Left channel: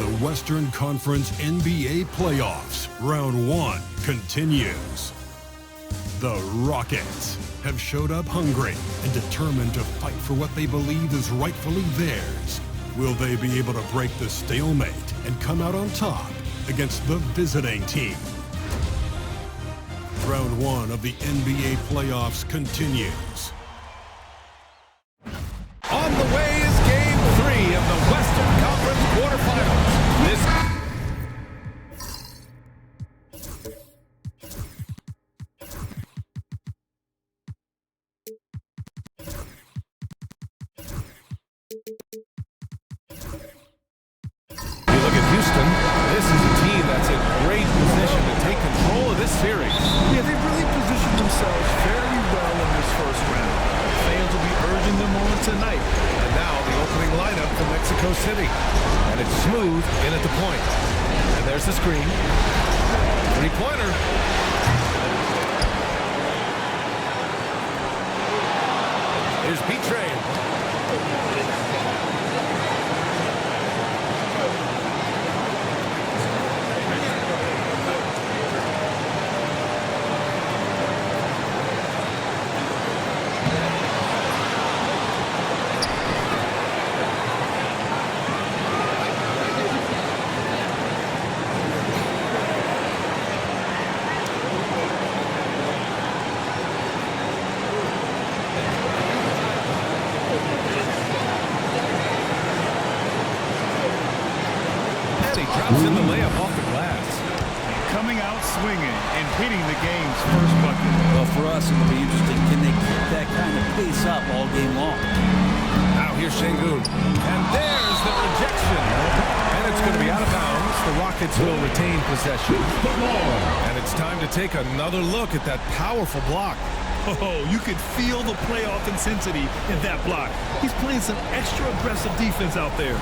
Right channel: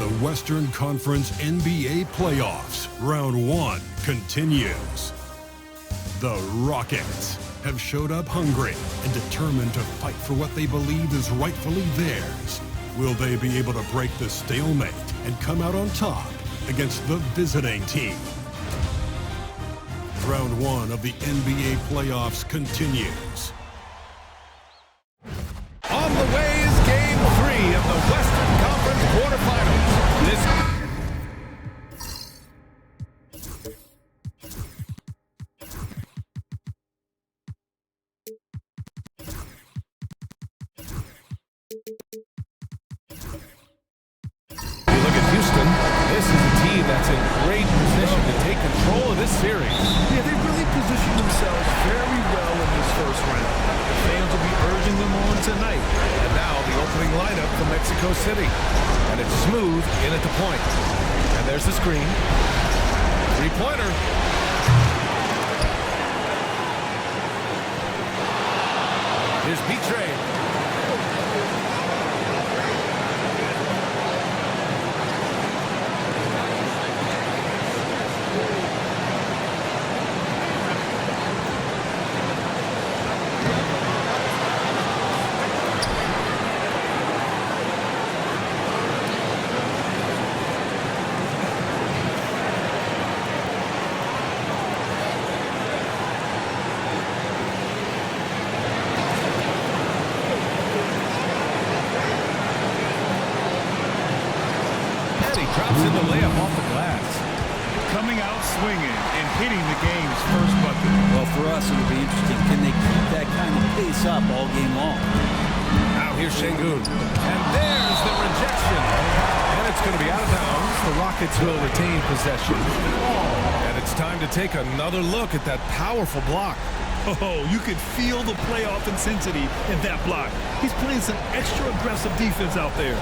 The Western Conference NBA Playoffs, Round 1 continues. The Rockets have showed up hungry and determined to fight for what they believe is rightfully theirs. Will they be able to break the stalemate and come out on top against the visiting team? Round 1 of the NBA playoffs continues. On the way is Game 3 of the Western Conference quarterfinals. You look at Houston, this is a team that's in great position to take control of this series. Yeah, they really positioned themselves very well in this first round. Fans will be urging them on tonight. And now the opening lineup from Mexico City. And it's smooth in at the point. And there's the screen. Three-pointer. Here's Betrayed. He drops in the layup off the glass. Coming out swinging and hitting the game's first bucket. Well, for us, it'll be interesting. Can they keep that kind of pace up all game long? Now here's Şengün. And there's the rejection. And it's going to be out of bounds. The Rockets will retain possession. And it's time to take another look at that powerful block. Oh, you could feel the playoff intensity in that block. He's playing some extra aggressive defense out there.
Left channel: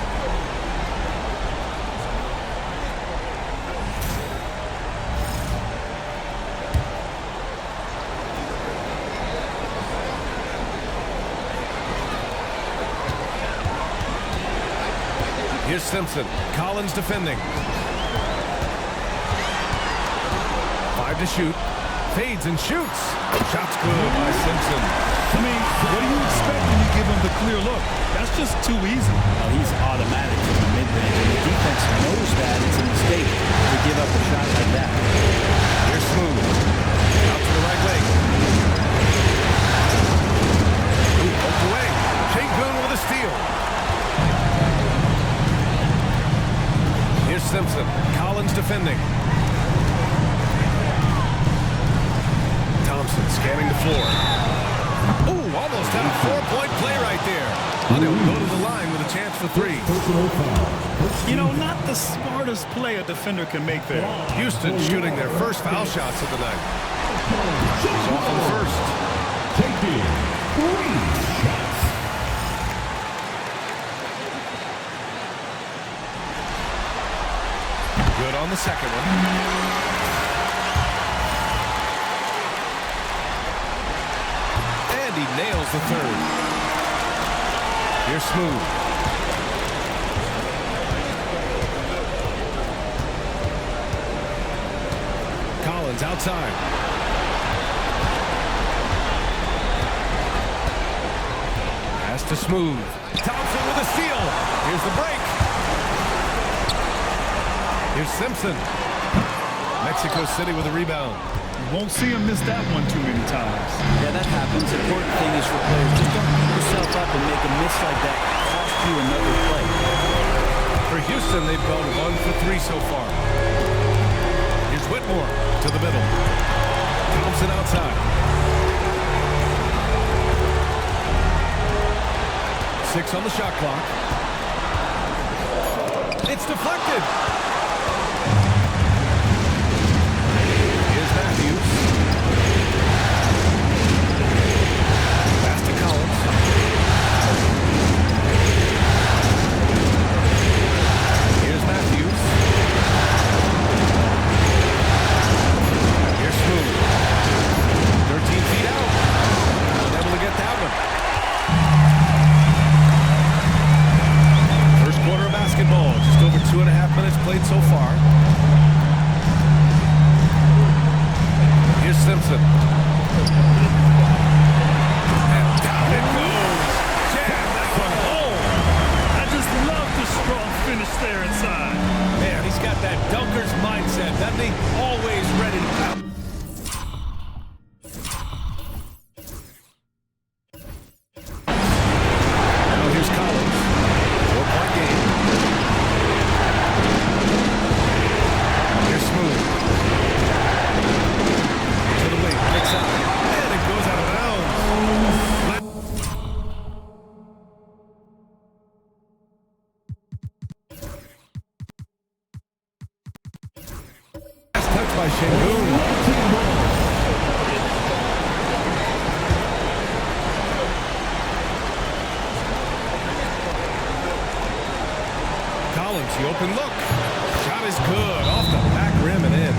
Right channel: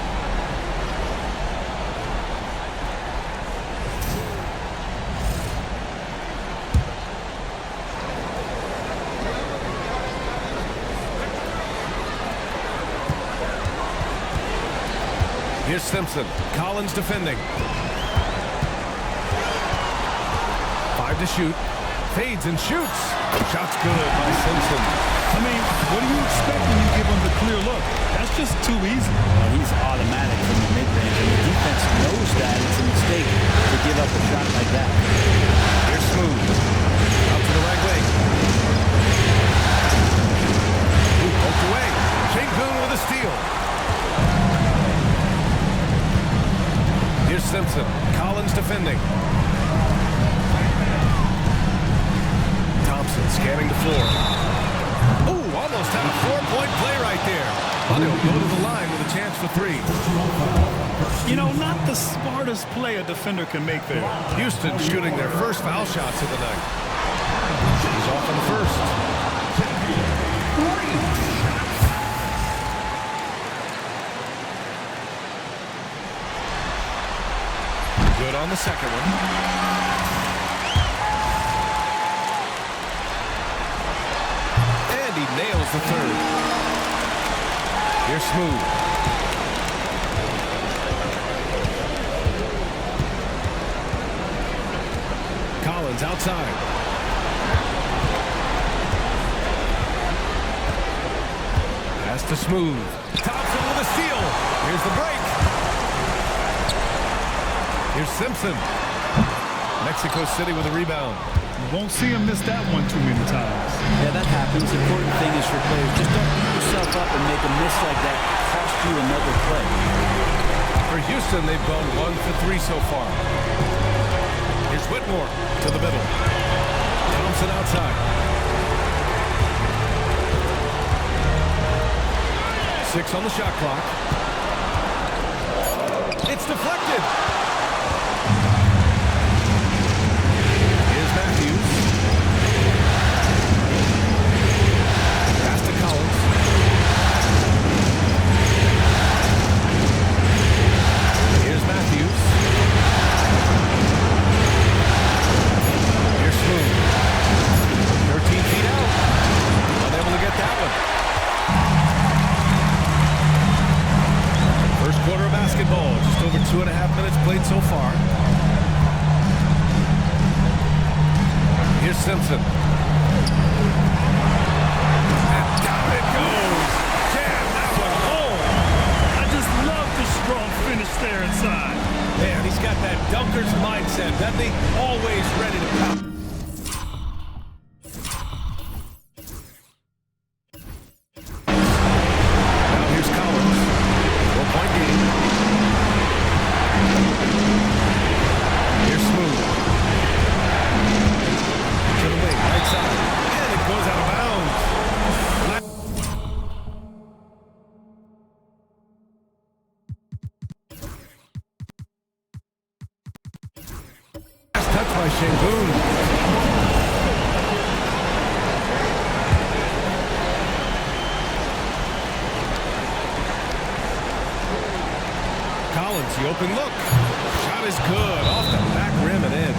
Here's Simpson. Collins defending. 5 to shoot. Fades and shoots. Shot's good by Simpson. I mean, what do you expect when you give him the clear look? That's just too easy. Well, he's automatic from the mid-range, and the defense knows that it's a mistake to give up a shot like that. Here's Smooth. Out to the right wing. Ooh, poked away. Şengün with a steal. Here's Simpson. Collins defending. Thompson scanning the floor. Ooh, almost had a 4-point play right there. But he'll go to the line with a chance for 3. You know, not the smartest play a defender can make there. Houston shooting their first foul shots of the night. He's off on the first. Good on the second one. And he nails the third. Here's Smooth. Collins outside. Pass to Smooth. Thompson with a steal. Here's the break. Here's Simpson. Mexico City with a rebound. You won't see him miss that one too many times. Yeah, that happens. Important thing is for players, just don't beat yourself up and make a miss like that cost you another play. For Houston, they've gone 1 for 3 so far. Here's Whitmore to the middle. Thompson outside. 6 on the shot clock. It's deflected. Here's Matthews. Pass to Collins. Here's Matthews. Here's Smooth. 13 feet out. Unable to get that one. First quarter of basketball. basketball. Just over 2.5 minutes played so far. Here's Simpson. And down it goes. Jam that one home. I just love the strong finish there inside. Man, he's got that dunker's mindset, doesn't he? Always ready to pound. Now here's Collins. 4-point game. Here's Smooth. To the wing, right side. And it goes out of bounds. Last touch by Şengün. Collins, the open look. Shot is good. Off the back rim and in.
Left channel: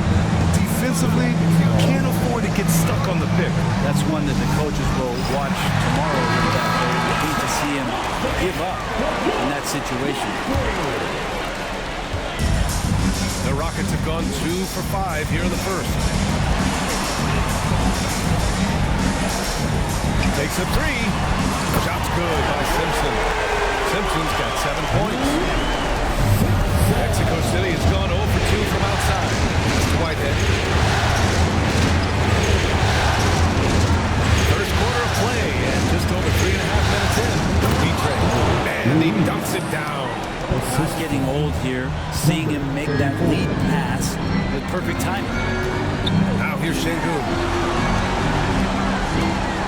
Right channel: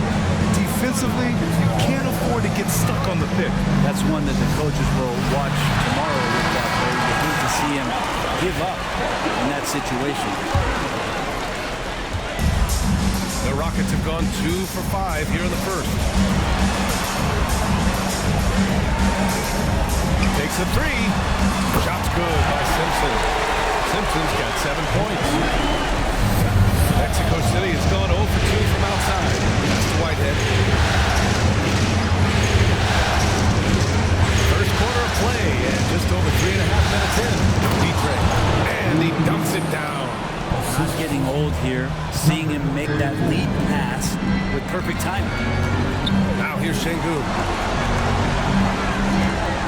Defensively, you can't afford to get stuck on the pick. That's one that the coaches will watch tomorrow with that player. You hate to see him give up in that situation. The Rockets have gone 2 for 5 here in the first. Takes a 3. Shot's good by Simpson. Simpson's got 7 points. Mexico City has gone 0 for 2 from outside. That's to Whitehead. First quarter of play, and just over 3.5 minutes in. D-Tray. And he dumps it down. Not getting old here. Seeing him make that lead pass with perfect timing. Now here's Şengün.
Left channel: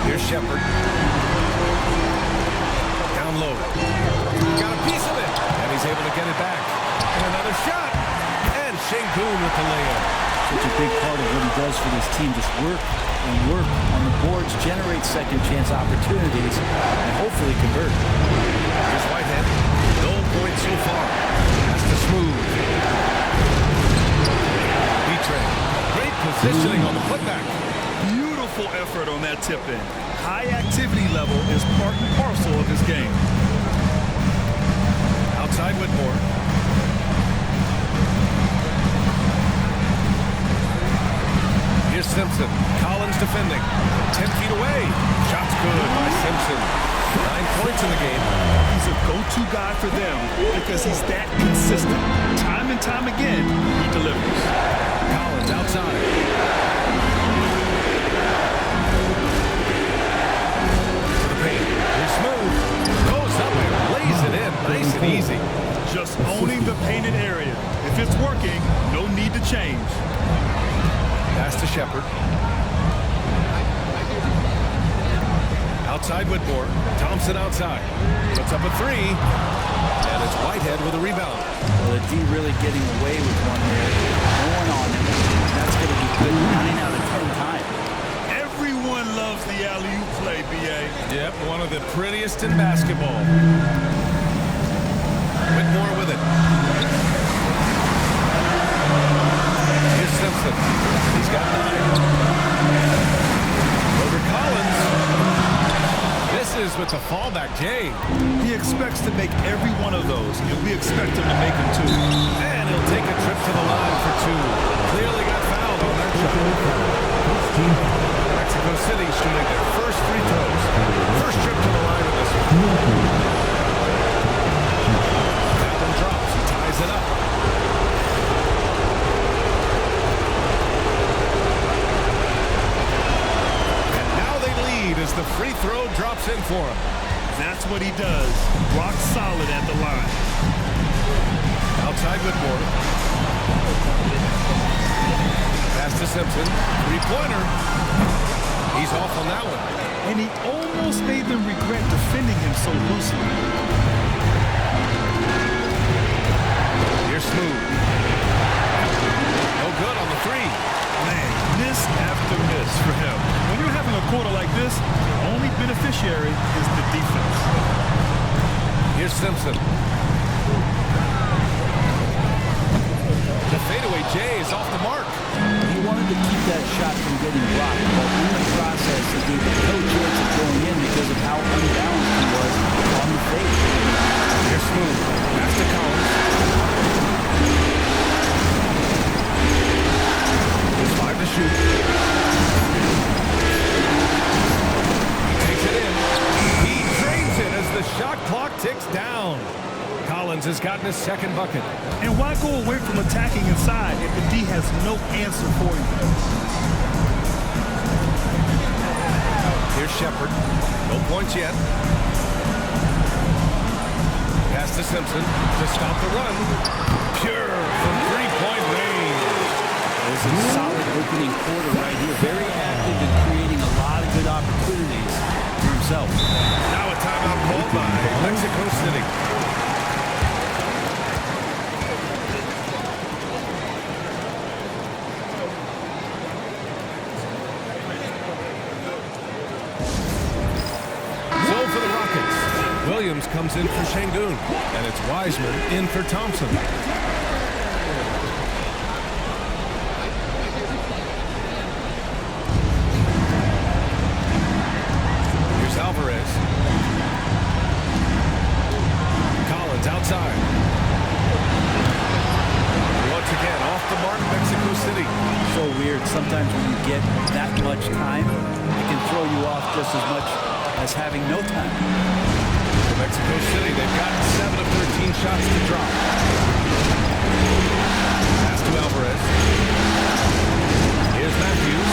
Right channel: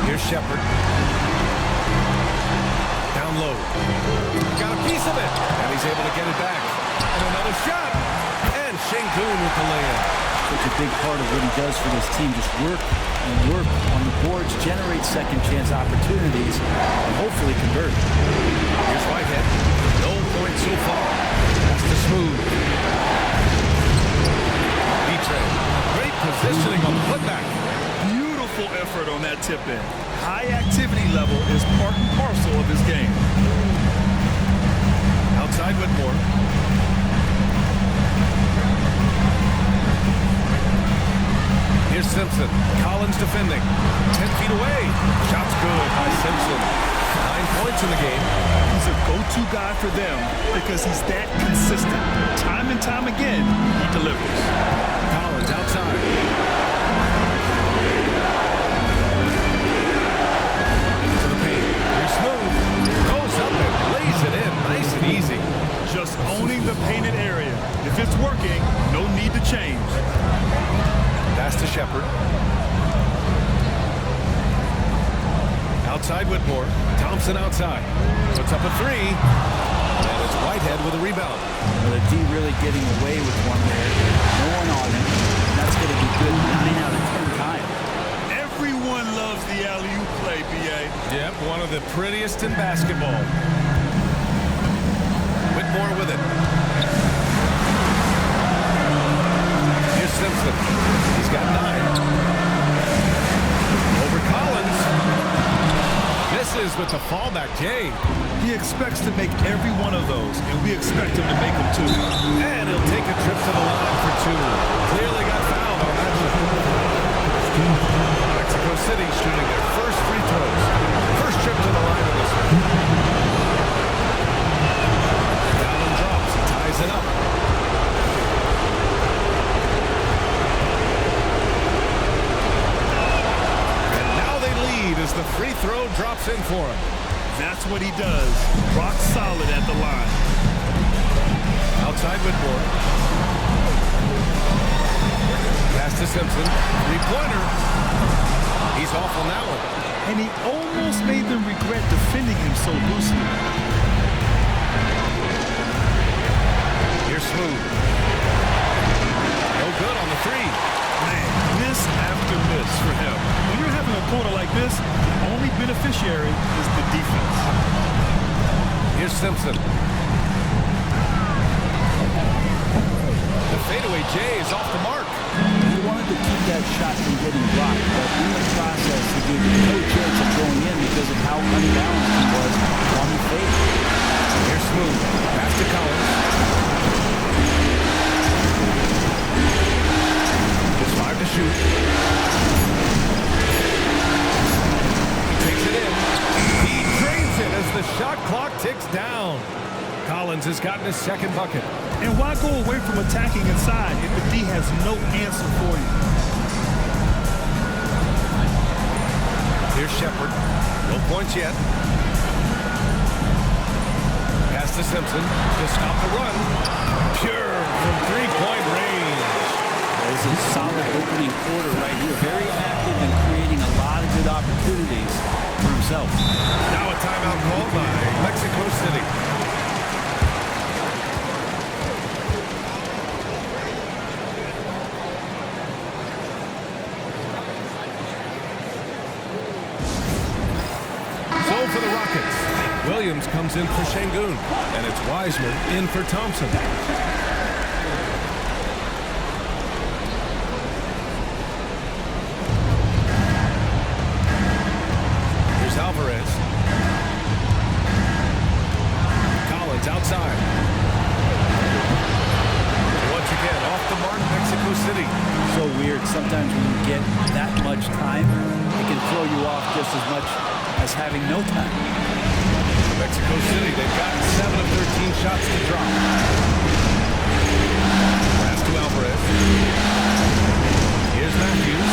Here's Shepard. Down low. Got a piece of it. And he's able to get it back. And another shot. And Şengün with the lay-in. Such a big part of what he does for this team. Just work and work on the boards, generate second chance opportunities, and hopefully convert. Here's Whitehead. No points so far. That's to Smooth. B-Tray. Great positioning on the putback. Beautiful effort on that tip-in. High activity level is part and parcel of his game. Outside Whitmore. Here's Simpson. Collins defending. 10 feet away. Shot's good by Simpson. 9 points in the game. He's a go-to guy for them because he's that consistent. Time and time again, he delivers. Collins outside. To the paint. Here's Smooth. Goes up and lays it in. Nice and easy. Just owning the painted area. If it's working, no need to change. Pass to Shepard. Outside Whitmore. Thompson outside. Puts up a 3. And it's Whitehead with a rebound. Well, the D really getting away with one there. No one on him. And that's going to be good 9 out of 10 times. Everyone loves the alley-oop play, B.A. Yep, one of the prettiest in basketball. Whitmore with it. Here's Simpson. He's got 9. Over Collins. Misses with the fallback, Jay. He expects to make every one of those, and we expect him to make them too. And he'll take a trip to the line for 2. Clearly got fouled on that shot. Mexico City shooting their first free throws. First trip to the line in this one. Allen drops. He ties it up. As the free throw drops in for him. That's what he does. Rock solid at the line. Outside Whitmore. Pass to Simpson. 3-pointer. He's off on that one. And he almost made them regret defending him so loosely. Here's Smooth. No good on the 3. Man, miss after miss for him. When you're having a quarter like this, the only beneficiary is the defense. Here's Simpson. The fadeaway J is off the mark. He wanted to keep that shot from getting blocked, but in the process, he gave him no chance of going in because of how unbalanced he was on the fade. Here's Smooth. Pass to Collins. Just 5 to shoot. He takes it in. He drains it as the shot clock ticks down. Collins has gotten his second bucket. And why go away from attacking inside if the D has no answer for you? Here's Shepard. No points yet. Pass to Simpson to stop the run. Pure from three-point range. It's a solid opening quarter right here. Very active and creating a lot of good opportunities for himself. Now a timeout called by Mexico City. So for the Rockets, Williams comes in for Şengün, and it's Wiseman in for Thompson. Here's Alvarez. Collins outside. Once again, off the mark, Mexico City. So weird. Sometimes when you get that much time, it can throw you off just as much as having no time. For Mexico City, they've gotten 7 of 13 shots to drop. Pass to Alvarez. Here's Matthews.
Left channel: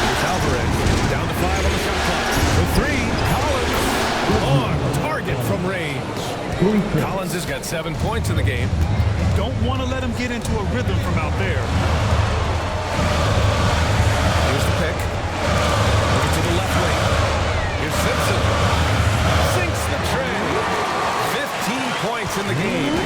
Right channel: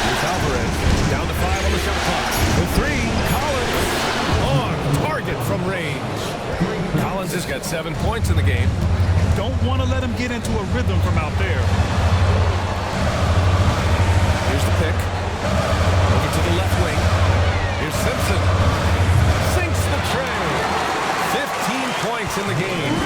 Here's Alvarez. Down to 5 on the shot clock. For 3, Collins on target from range. Collins has got 7 points in the game. Don't want to let him get into a rhythm from out there. Here's the pick. Over to the left wing. Here's Simpson. Sinks the tray. 15 points in the game.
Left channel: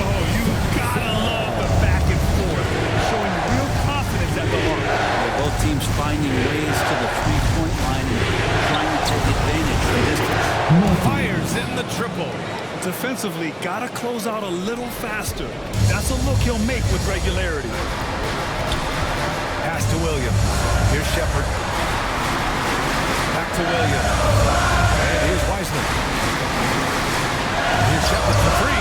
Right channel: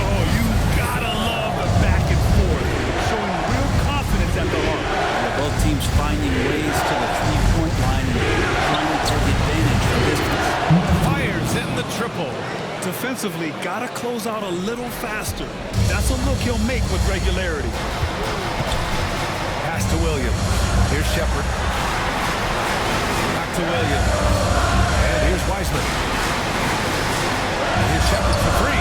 Oh, you gotta love the back and forth. Showing real confidence at the arc. Yeah, both teams finding ways to the three-point line and trying to take advantage from distance. Fires in the triple. Defensively, gotta close out a little faster. That's a look he'll make with regularity. Pass to Williams. Here's Shepard. Back to Williams. And here's Wiseman. Here's Shepard for 3.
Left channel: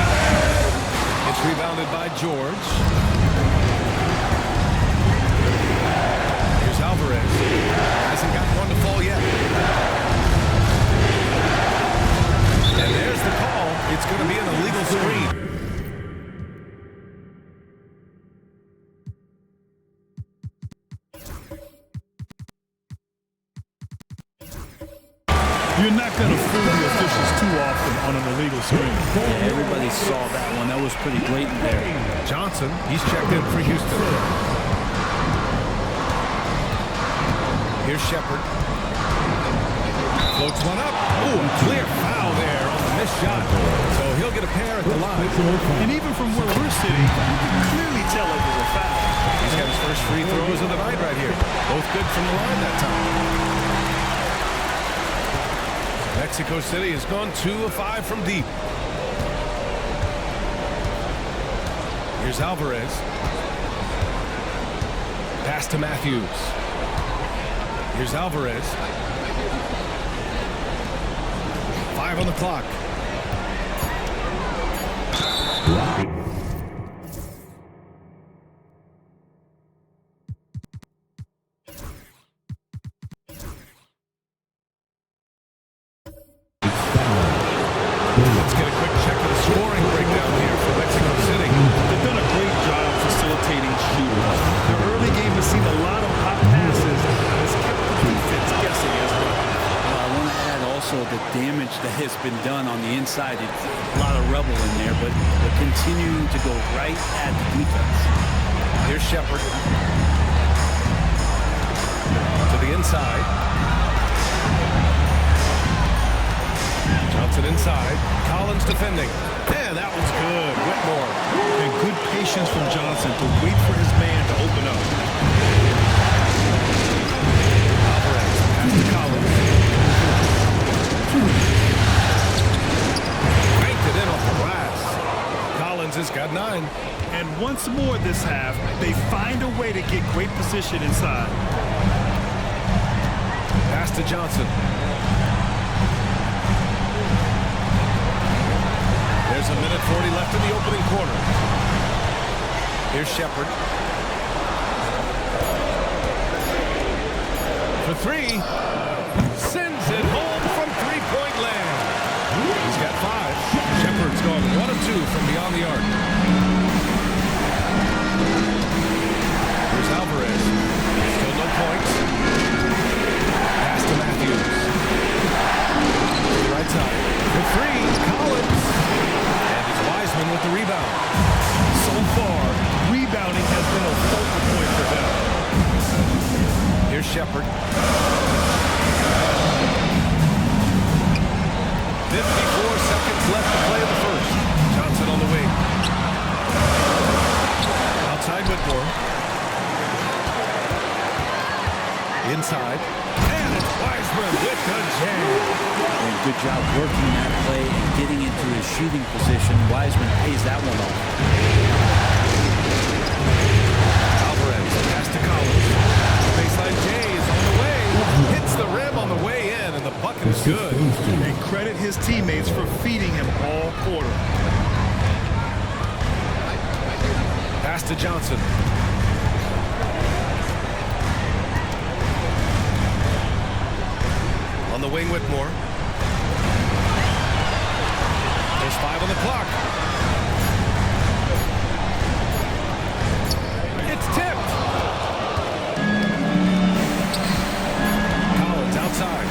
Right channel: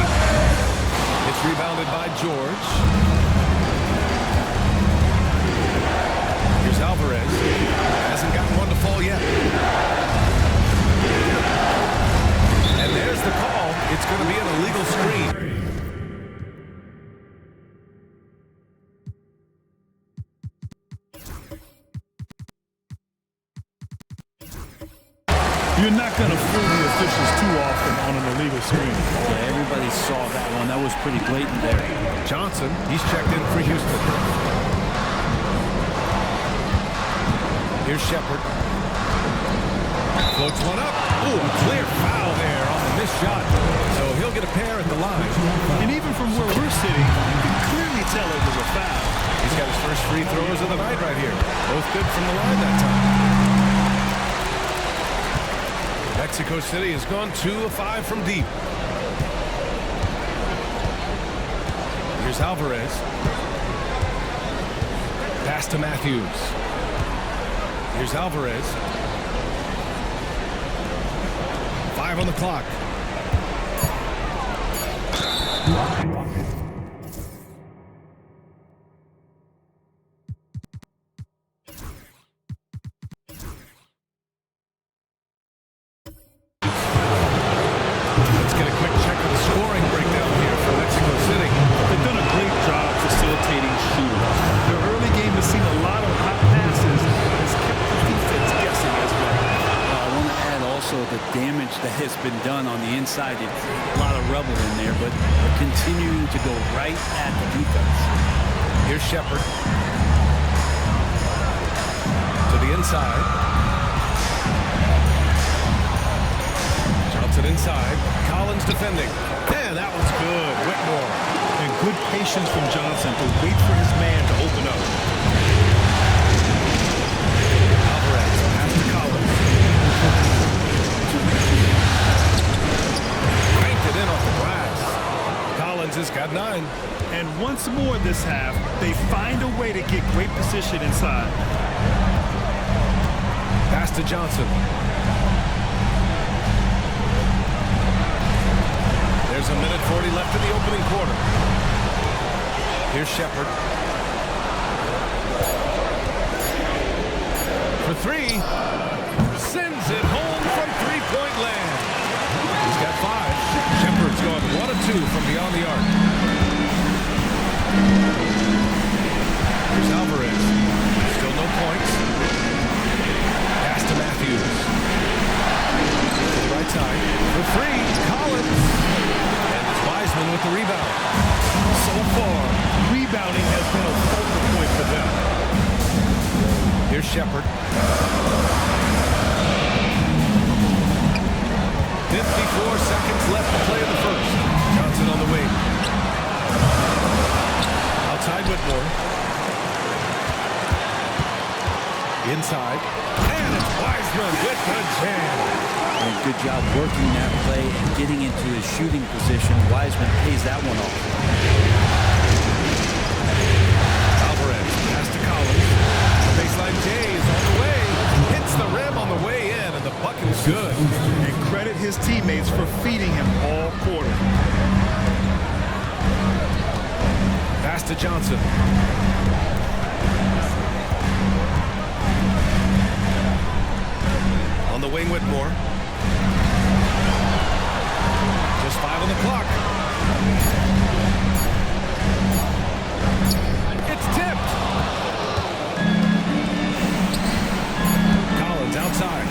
It's rebounded by George. Here's Alvarez. Hasn't gotten one to fall yet. And there's the call. It's going to be an illegal screen. You're not going to fool the officials too often on an illegal screen. Yeah, everybody saw that one. That was pretty blatant there. Johnson, he's checked in for Houston. Here's Shepard. Floats one up. Ooh, a clear foul there on the missed shot. So he'll get a pair at the line. And even from where we're sitting, you can clearly tell it was a foul. He's got his first free throws of the night right here. Both good from the line that time. Mexico City has gone 2 of 5 from deep. Here's Alvarez. Pass to Matthews. Here's Alvarez. 5 on the clock. Let's get a quick check of the scoring breakdown here for Mexico City. They've done a great job facilitating shooters. Their early game has seen a lot of hot passes and has kept the defense guessing as well. I want to add also the damage that has been done on the inside. It's a lot of rubble in there, but they're continuing to go right at the defense. Here's Shepard. To the inside. Johnson inside. Collins defending. Man, that one's good. Whitmore. And good patience from Johnson to wait for his man to open up. Alvarez. Pass to Collins. Cranked it in off the glass. Collins has got 9. And once more this half, they find a way to get great position inside. Pass to Johnson. There's a minute 40 left in the opening quarter. Here's Shepard. For three. Sends it home from three-point land. He's got 5. Shepard's going 1 of 2 from beyond the arc. Here's Alvarez. Still no points. Pass to Matthews. To the right side. For 3. Collins. And it's Wiseman with the rebound. So far, rebounding has been a focal point for them. Here's Shepard. 54 seconds left to play in the first. Johnson on the wing. Outside Whitmore. Inside. And it's Wiseman with the jam. And good job working that play and getting into his shooting position. Wiseman pays that one off. Alvarez pass to Collins. Baseline J is on the way. Hits the rim on the way in, and the bucket is good. And credit his teammates for feeding him all quarter. Pass to Johnson. On the wing, Whitmore. Just 5 on the clock. It's tipped. Collins outside.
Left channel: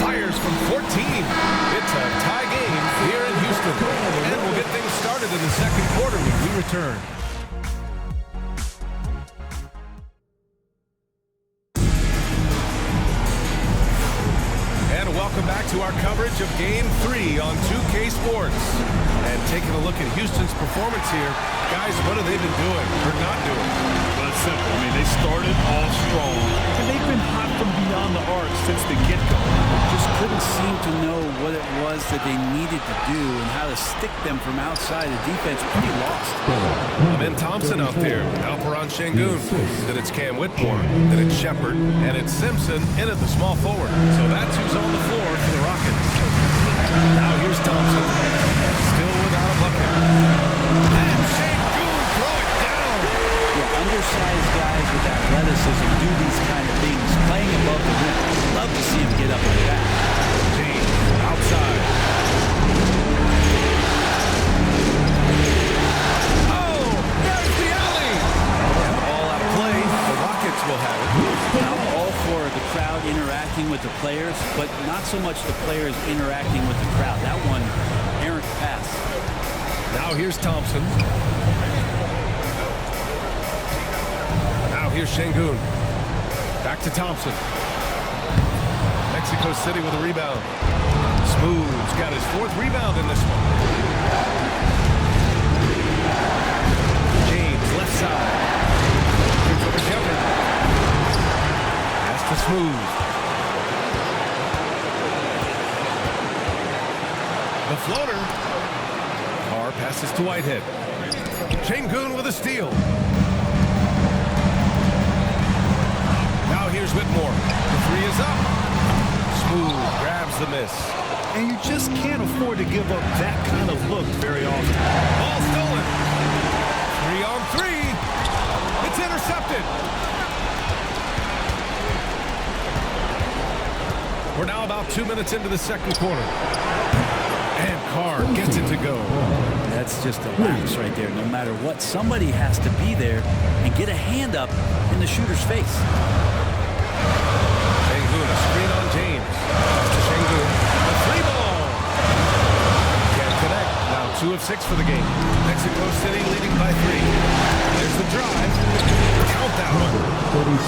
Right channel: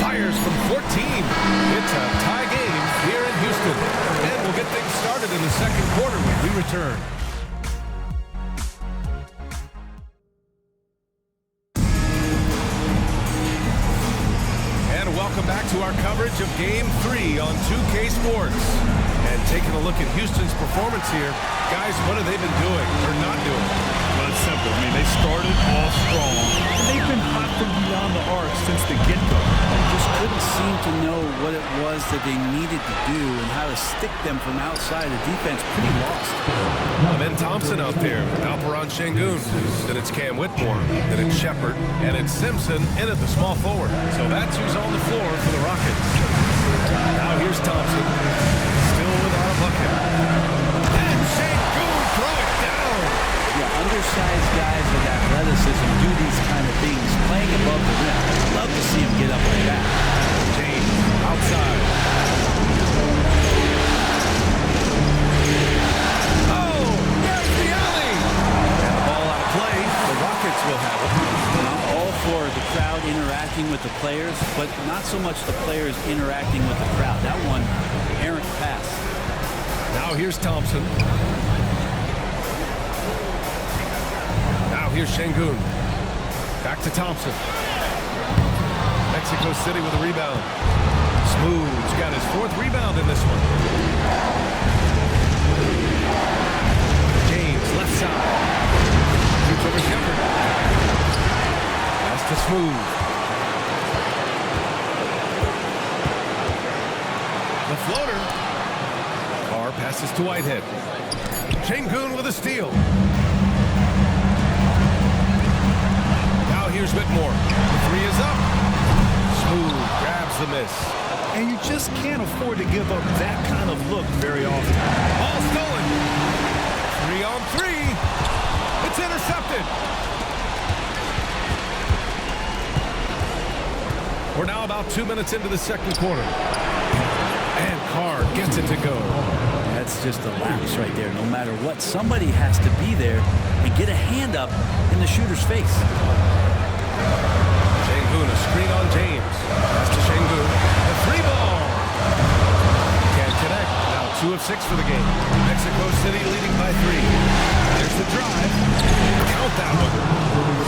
Fires from 14. It's a tie game here in Houston. And we'll get things started in the second quarter when we return. And welcome back to our coverage of Game 3 on 2K Sports. And taking a look at Houston's performance here, guys, what have they been doing or not doing? Well, it's simple. I mean, they started off strong, and they've been hot from beyond the arc since the get-go. Just couldn't seem to know what it was that they needed to do and how to stick them from outside. The defense pretty lost. Ben Thompson out there with Alperon Şengün. Then it's Cam Whitmore. Then it's Shepard. And it's Simpson in at the small forward. So that's who's on the floor for the Rockets. Now here's Thompson. Still without a bucket. And Şengün throw it down. Yeah, undersized guys with athleticism do these kind of things, playing above the rim. Love to see him get up like that. James outside. Oh, there's the alley. And the ball out of play. The Rockets will have it. And I'm all for the crowd interacting with the players, but not so much the players interacting with the crowd. That one, errant pass. Now here's Thompson. Now here's Şengün. Back to Thompson. Mexico City with a rebound. Smooth's got his 4th rebound in this one. James, left side. Shoots over Shepard. Pass to Smooth. The floater. Carr passes to Whitehead. Şengün with a steal. Now here's Whitmore. The 3 is up. Smooth grabs the miss. And you just can't afford to give up that kind of look very often. Ball stolen. 3 on 3. It's intercepted. We're now about 2 minutes into the second quarter. And Carr gets it to go. That's just a lapse right there. No matter what, somebody has to be there and get a hand up in the shooter's face. Şengün, a screen on James. Pass to Şengün. A 3-ball. Can't connect. Now 2 of 6 for the game. Mexico City leading by 3. There's the drive. Count that one.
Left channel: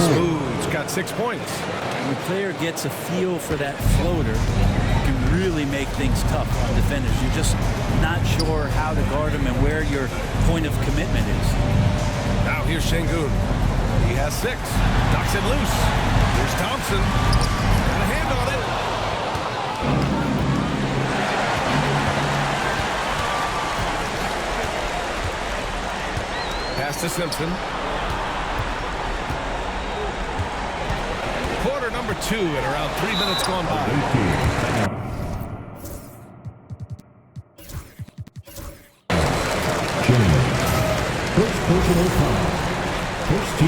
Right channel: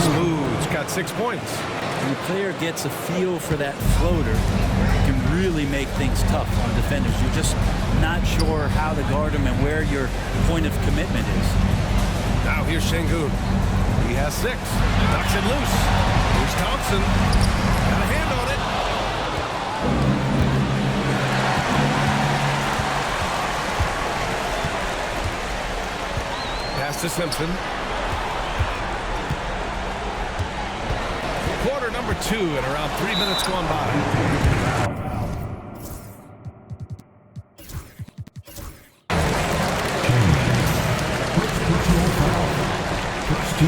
Smooth's got 6 points. When the player gets a feel for that floater, it can really make things tough on defenders. You're just not sure how to guard them and where your point of commitment is. Now here's Şengün. He has 6. Knocks it loose. Here's Thompson. Got a hand on it. Pass to Simpson. Quarter number 2 and around 3 minutes gone by.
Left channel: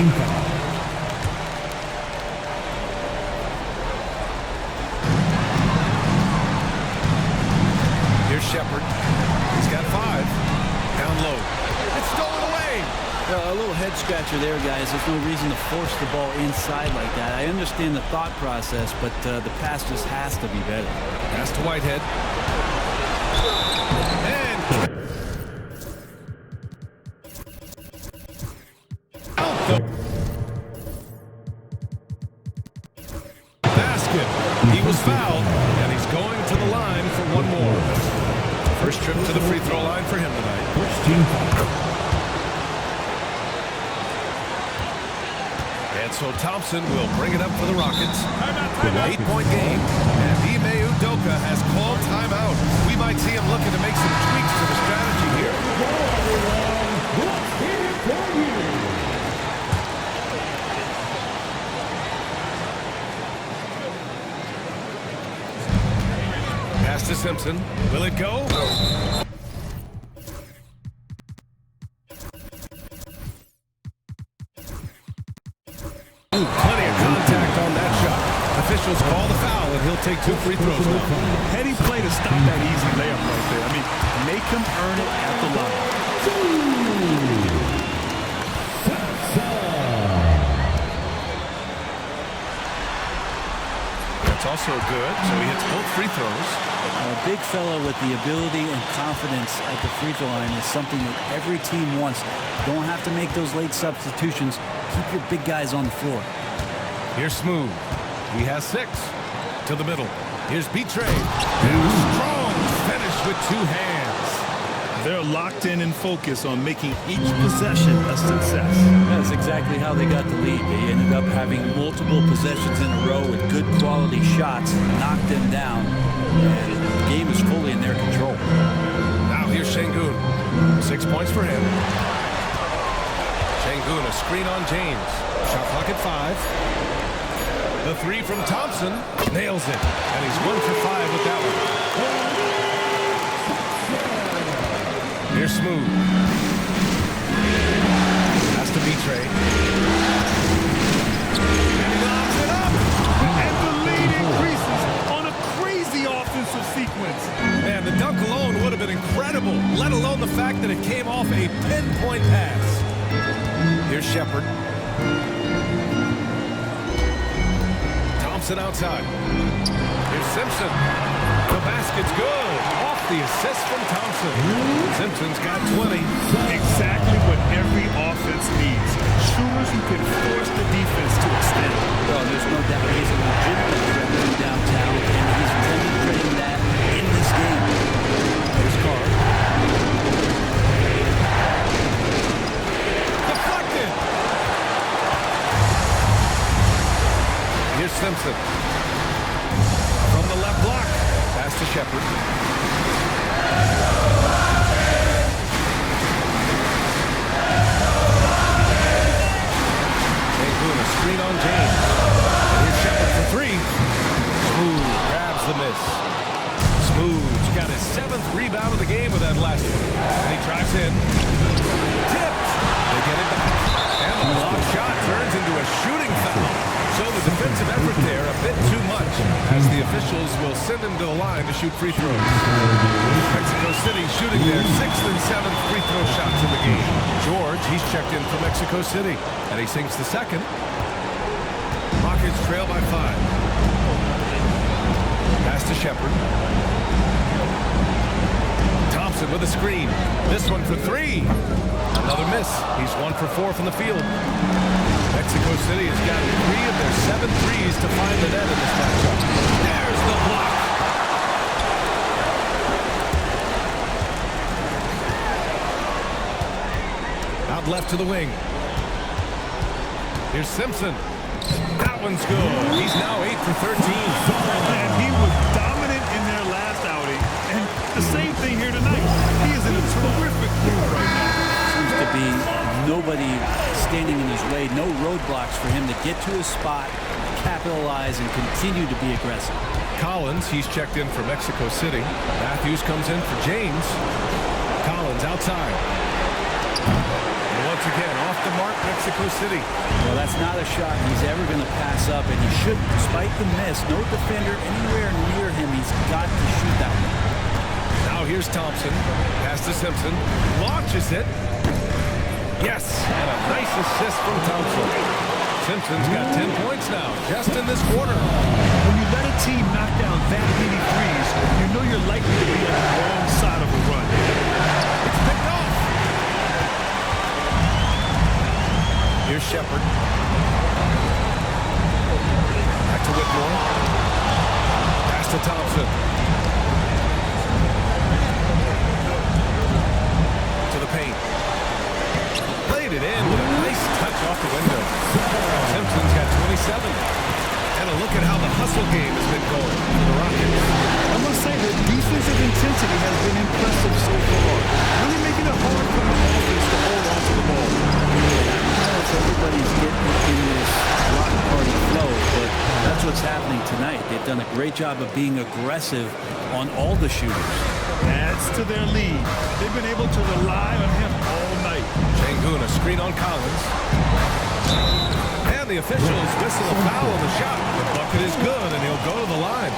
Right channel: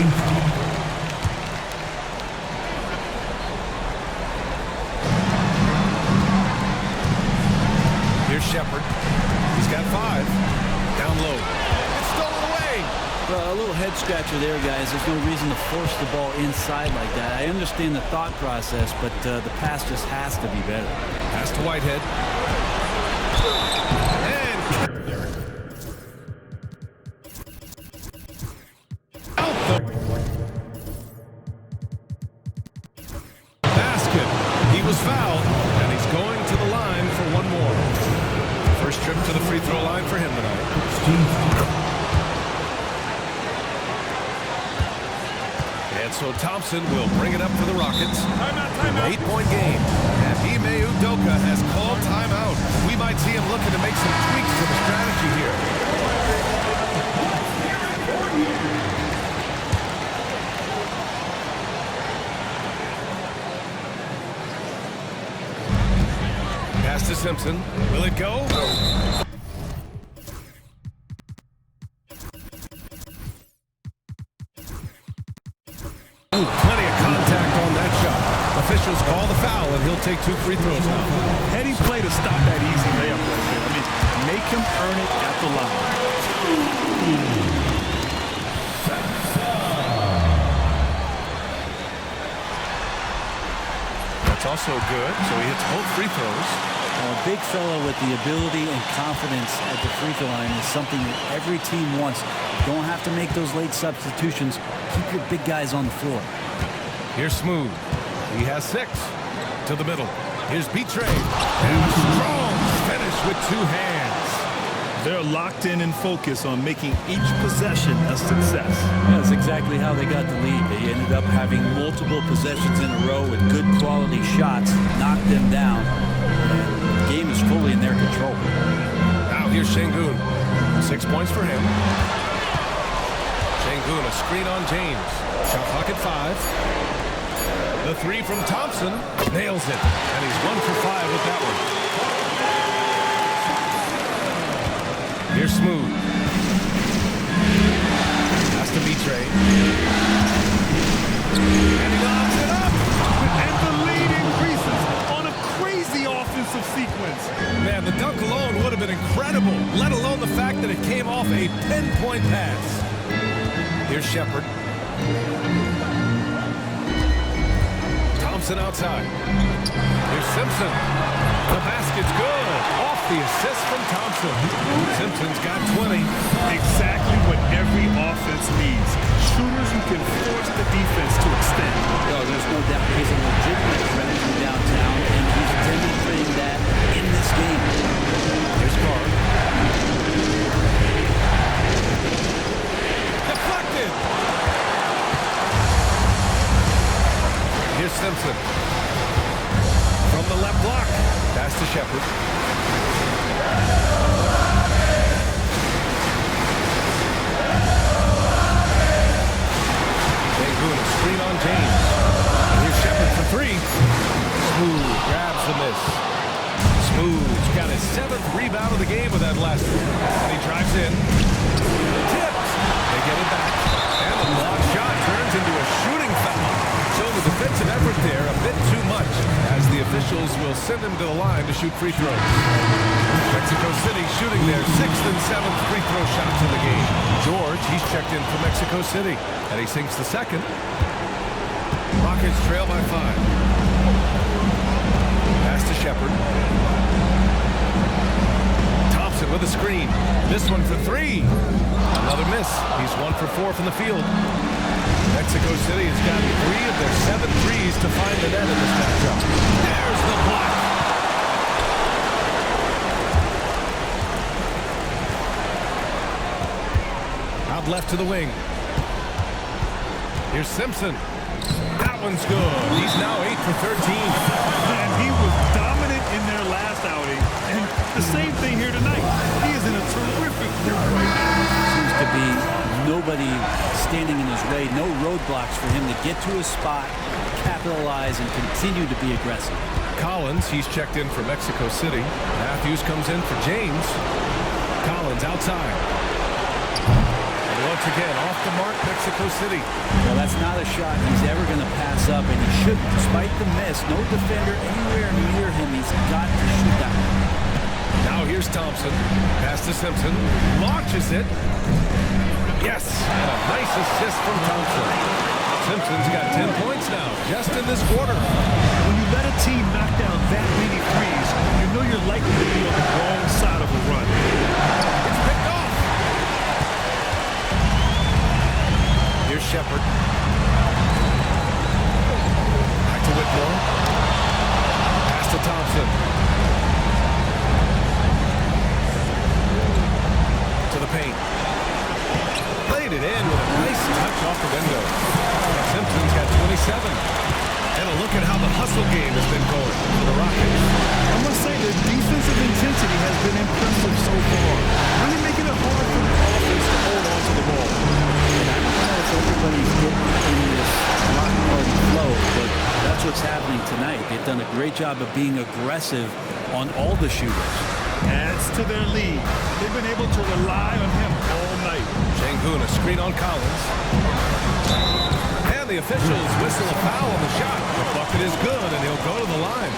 Team foul. Here's Shepard. He's got 5. Down low. It's stolen away. Well, a little head scratcher there, guys. There's no reason to force the ball inside like that. I understand the thought process, but the pass just has to be better. Pass to Whitehead. And out the basket. He was fouled, and he's going to the line for one more. First trip to the free throw line for him tonight. Team foul. And so Thompson will bring it up for the Rockets. Timeout. 8-point game. And Ime Udoka has called timeout. We might see him looking to make some tweaks to the strategy here. Let's hear it for you. Pass to Simpson. Will it go? Ooh, plenty of contact on that shot. Officials call the foul, and he'll take 2 free throws now. Heady play to stop that easy layup right there. I mean, make him earn it at the line. That's also good, so he hits both free throws. A big fella with the ability and confidence at the free throw line is something that every team wants. Don't have to make those late substitutions. Keep your big guys on the floor. Here's Smooth. He has 6. To the middle. Here's Betray. And a strong finish with 2 hands. They're locked in and focused on making each possession a success. That's exactly how they got the lead. They ended up having multiple possessions in a row with good quality shots, knocked them down, and the game is fully in their control. Now here's Şengün. 6 points for him. Şengün, a screen on James. Shot clock at 5. The 3 from Thompson. Nails it. And he's 1 for 5 with that one. Here's Smooth. Has to Betray. And he lobs it up. And the lead increases on a crazy offensive sequence. Man, the dunk alone would have been incredible, let alone the fact that it came off a pinpoint pass. Here's Shepard. Thompson outside. Here's Simpson. The basket's good. Off the assist from Thompson. Simpson's got 20. Exactly what every offense needs. Shooters who can force the defense to extend. Well, there's no doubt he's a legitimate threat from downtown, and he's demonstrating that in this game. Here's Carr. Deflected. Here's Simpson. From the left block. Pass to Shepard. Şengün, a screen on James. And here's Shepard for 3. Smooth grabs the miss. Smooth's got his 7th rebound of the game with that last one. And he drives in. Tipped. They get it back. And the block shot turns into a shooting foul. So the defensive effort there a bit too much, as the officials will send him to the line to shoot free throws. Mexico City shooting their 6th and 7th free throw shots in the game. George, he's checked in for Mexico City, and he sinks the 2nd. Rockets trail by 5. Pass to Shepard. Thompson with a screen. This one for 3. Another miss. He's 1 for 4 from the field. Mexico City has gotten 3 of their 7 threes to find the net in this matchup. There's the block. Out left to the wing. Here's Simpson. That one's good. He's now 8 for 13. And he was dominant in their last outing. And the same thing here tonight. He is in a terrific groove right now. Seems to be nobody standing in his way, no roadblocks for him to get to his spot, capitalize, and continue to be aggressive. Collins, he's checked in for Mexico City. Matthews comes in for James. Collins outside. And Once again, off the mark, Mexico City. Well, that's not a shot he's ever going to pass up, and he shouldn't. Despite the miss, no defender anywhere near him. He's got to shoot that one. Now here's Thompson. Pass to Simpson. Launches it. Yes, and a nice assist from Thompson. Simpson's got 10 points now, just in this quarter. When you let a team knock down that many threes, you know you're likely to be on the wrong side of a run. It's picked off. Here's Shepard. Back to Whitmore. Pass to Thompson. To the paint. Played it in with a nice touch off the window. Simpson's got 27. And a look at how the hustle game has been going for the Rockets. I must say the defensive intensity has been impressive so far. Really making it hard for the offense to hold on to the ball. And I don't know if everybody's getting in this block party flow, but that's what's happening tonight. They've done a great job of being aggressive on all the shooters. Adds to their lead. They've been able to rely on him all night. Sengun, a screen on Collins. And the officials whistle a foul on the shot. The bucket is good, and he'll go to the line.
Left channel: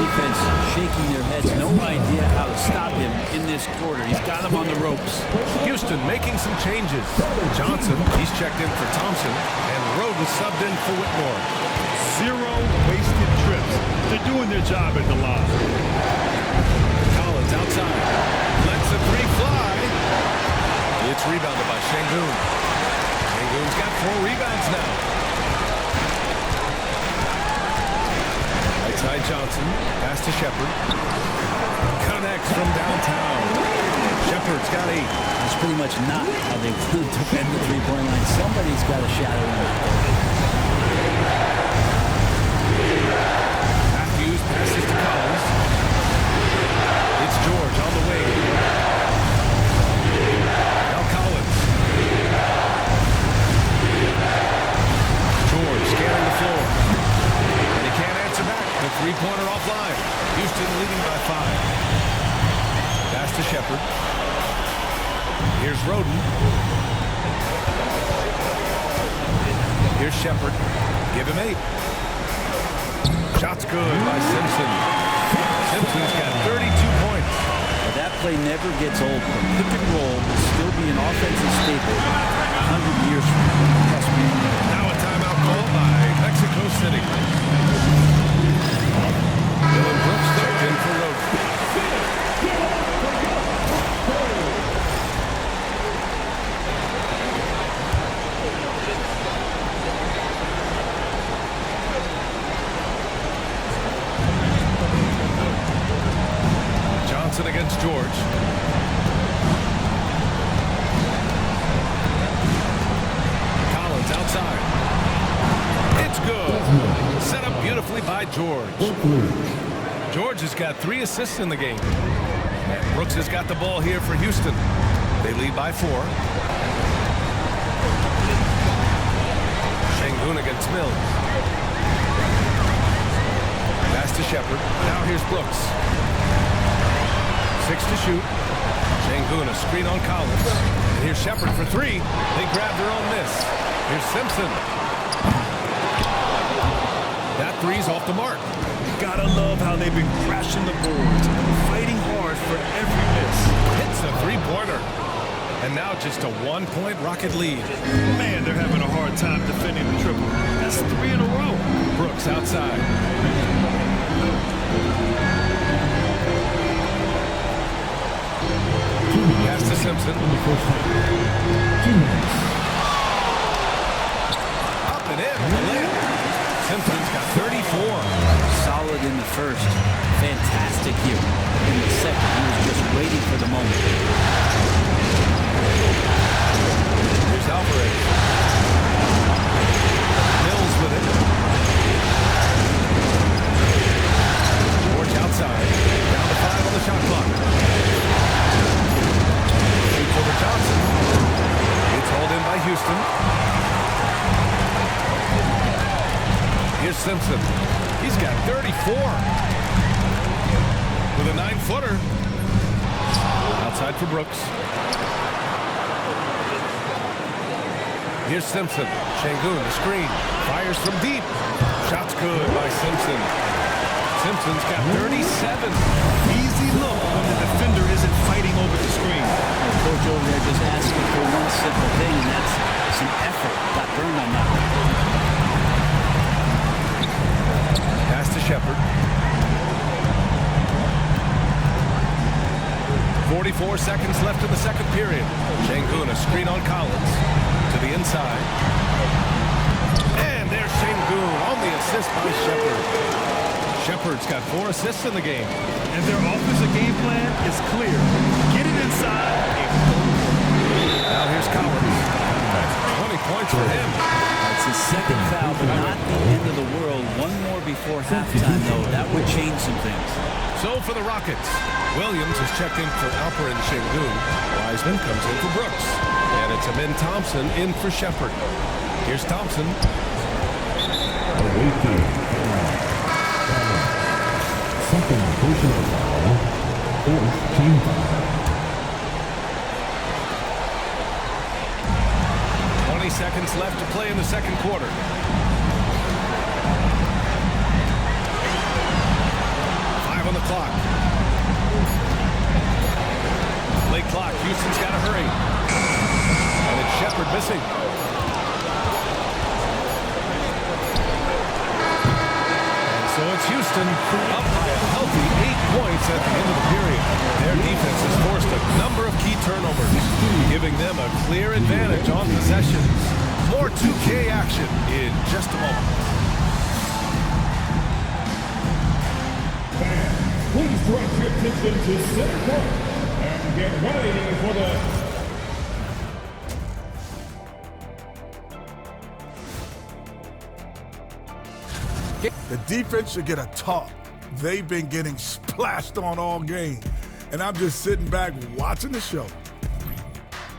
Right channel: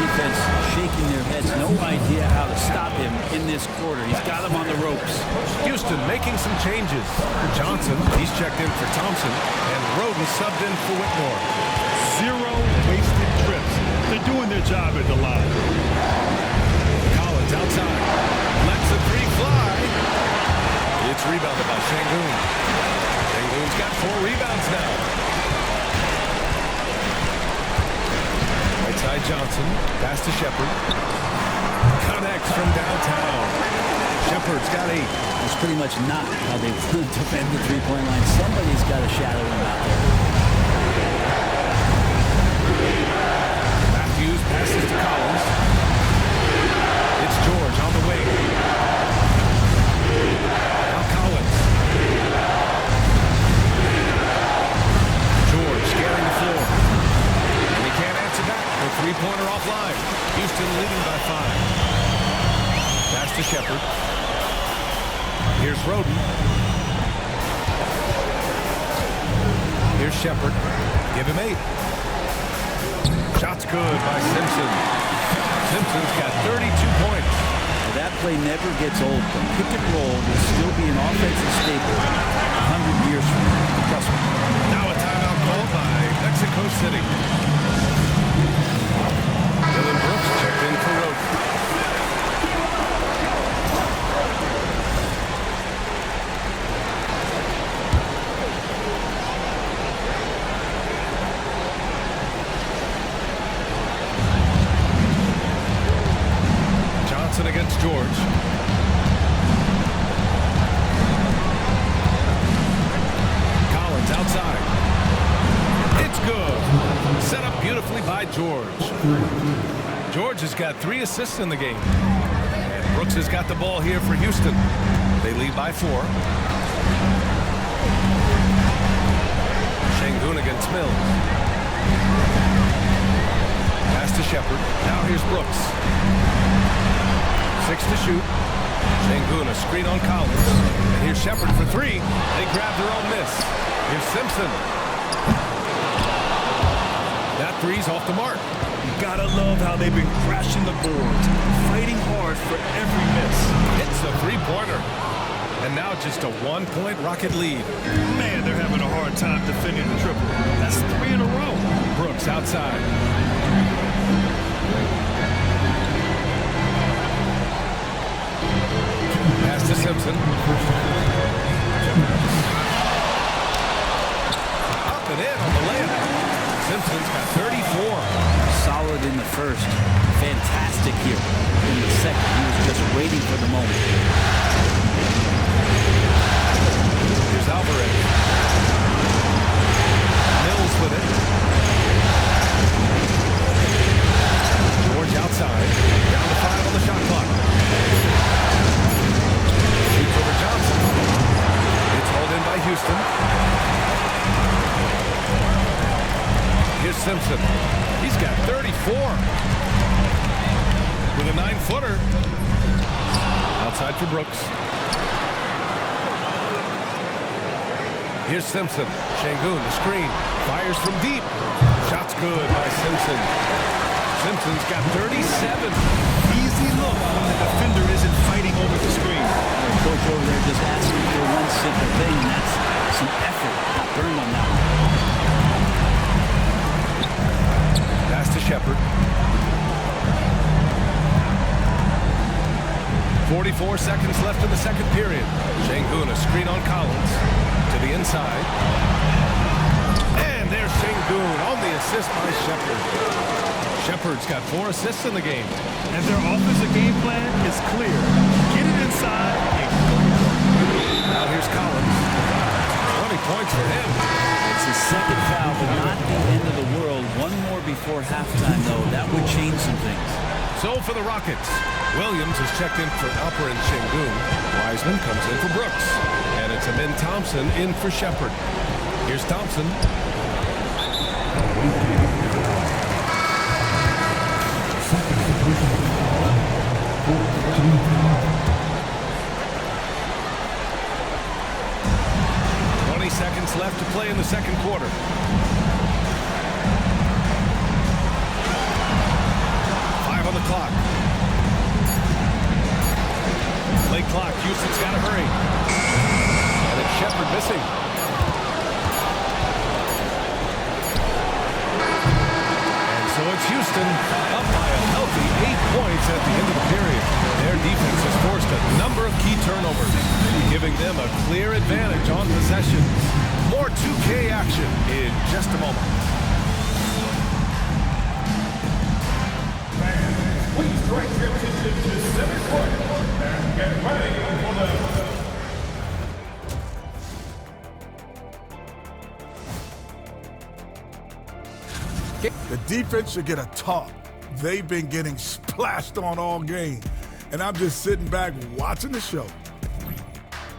Defense shaking their heads. No idea how to stop him in this quarter. He's got him on the ropes. Houston making some changes. Johnson, he's checked in for Thompson, and Roden subbed in for Whitmore. 0 wasted trips. They're doing their job at the line. Collins outside. Lets the three fly. It's rebounded by Sengun. Sengun's got 4 rebounds now. Right side Johnson. Pass to Shepard. Connects from downtown. Shepard's got 8. That's pretty much not how they want to defend the three-point line. Somebody's got to shadow him out there. Matthews passes to Collins. It's George on the wing. Now Collins. George scanning the floor. And he can't answer back. The three-pointer offline. Houston leading by 5. Pass to Shepard. Here's Roden. Here's Shepard. Give him 8. Shot's good by Simpson. Simpson's got 32 points. Well, that play never gets old. The pick and roll will still be an offensive staple 100 years from now. Trust me. Now a timeout called by Mexico City. Dylan Brooks checked in for Roden. Johnson against George. Collins outside. It's good. Set up beautifully by George. George has got 3 assists in the game. And Brooks has got the ball here for Houston. They lead by 4. Sengun against Mills. Pass to Shepard. Now here's Brooks. 6 to shoot. Sengun, a screen on Collins. And here's Shepard for 3. They grab their own miss. Here's Simpson. That three's off the mark. You gotta love how they've been crashing the boards, fighting hard for every miss. Hits a three-pointer. And now just a 1-point Rocket lead. Man, they're having a hard time defending the triple. That's 3 in a row. Brooks outside. Pass to Simpson. Up and in on the layup. Simpson's got 34. Solid in the first. Fantastic here in the second. He was just waiting for the moment. Here's Alvarez. Mills with it. George outside. Down to 5 on the shot clock. Shoots over Johnson. It's hauled in by Houston. Here's Simpson. He's got 34. With a 9-footer. Outside for Brooks. Here's Simpson. Şengün, the screen. Fires from deep. Shot's good by Simpson. Simpson's got 37. Easy look when the defender isn't fighting over the screen. Well, coach over there just asking for one simple thing, and that's some effort. Got burned on that one. Pass to Shepherd. 44 seconds left in the second period. Şengün, a screen on Collins. To the inside. And there's Şengün on the assist by Shepherd. Shepherd's got 4 assists in the game. And their offensive game plan is clear. Get it inside and go to work. Now here's Collins. 20 points for him. It's his second foul, but not the end of the world. One more before halftime, though. That would change some things. So for the Rockets, Williams is checked in for Alperen Şengün. Wiseman comes in for Brooks. And it's Amin Thompson in for Shepherd. Here's Thompson. Second personal foul. 14 foul. 20 seconds left to play in the second quarter. On the clock. Late clock. Houston's got to hurry. And it's Shepherd missing. And so it's Houston up by a healthy 8 points at the end of the period. Their defense has forced a number of key turnovers, giving them a clear advantage on possessions. More 2K action in just a moment. Please direct your attention to center court and get ready for the defense should get a talk. They've been getting splashed on all game, and I'm just sitting back watching the show.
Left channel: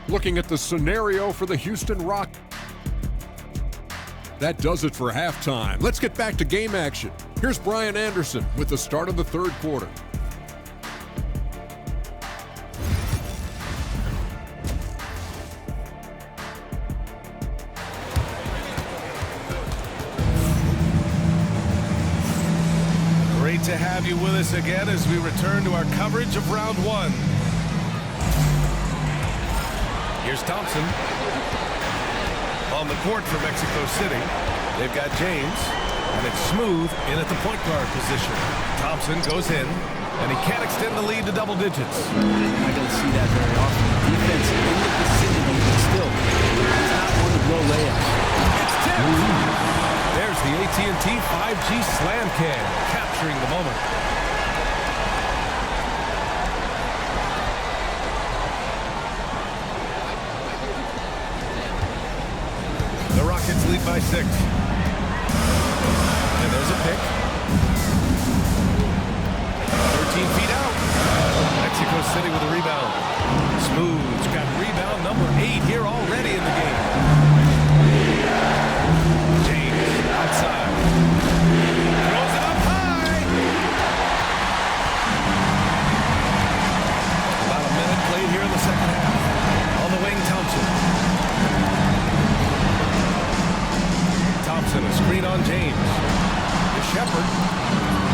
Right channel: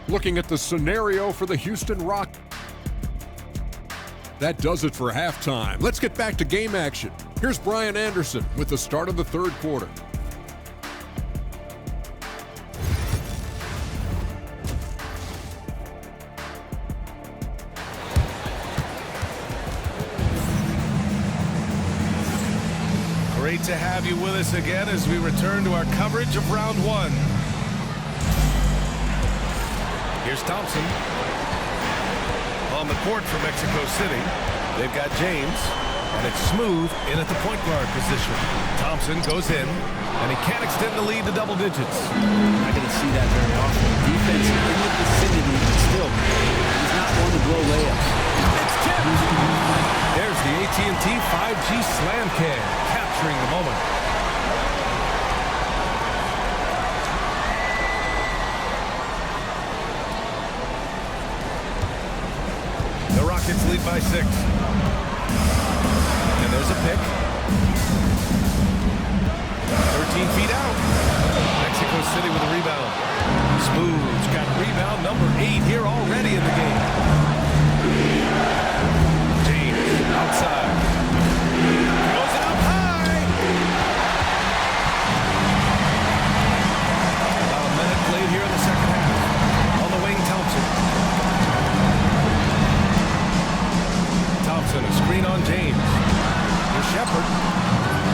Looking at the scenario for the Houston Rockets. That does it for halftime. Let's get back to game action. Here's Brian Anderson with the start of the third quarter. Great to have you with us again as we return to our coverage of round one. Here's Thompson. On the court for Mexico City, they've got James. And it's Smooth in at the point guard position. Thompson goes in, and he can't extend the lead to double digits. Not going to see that very often. The defense in the vicinity, but still, he's not one to blow layups. It's tipped. There's the AT&T 5G Slam Cam, capturing the moment. The Rockets lead by 6. And there's a pick. 13 feet out. Mexico City with a rebound. Smooth's got rebound number 8 here already in the game. James outside. Throws it up high. About a minute played here in the second half. On the wing, Thompson. Thompson, a screen on James. Here's Shepherd.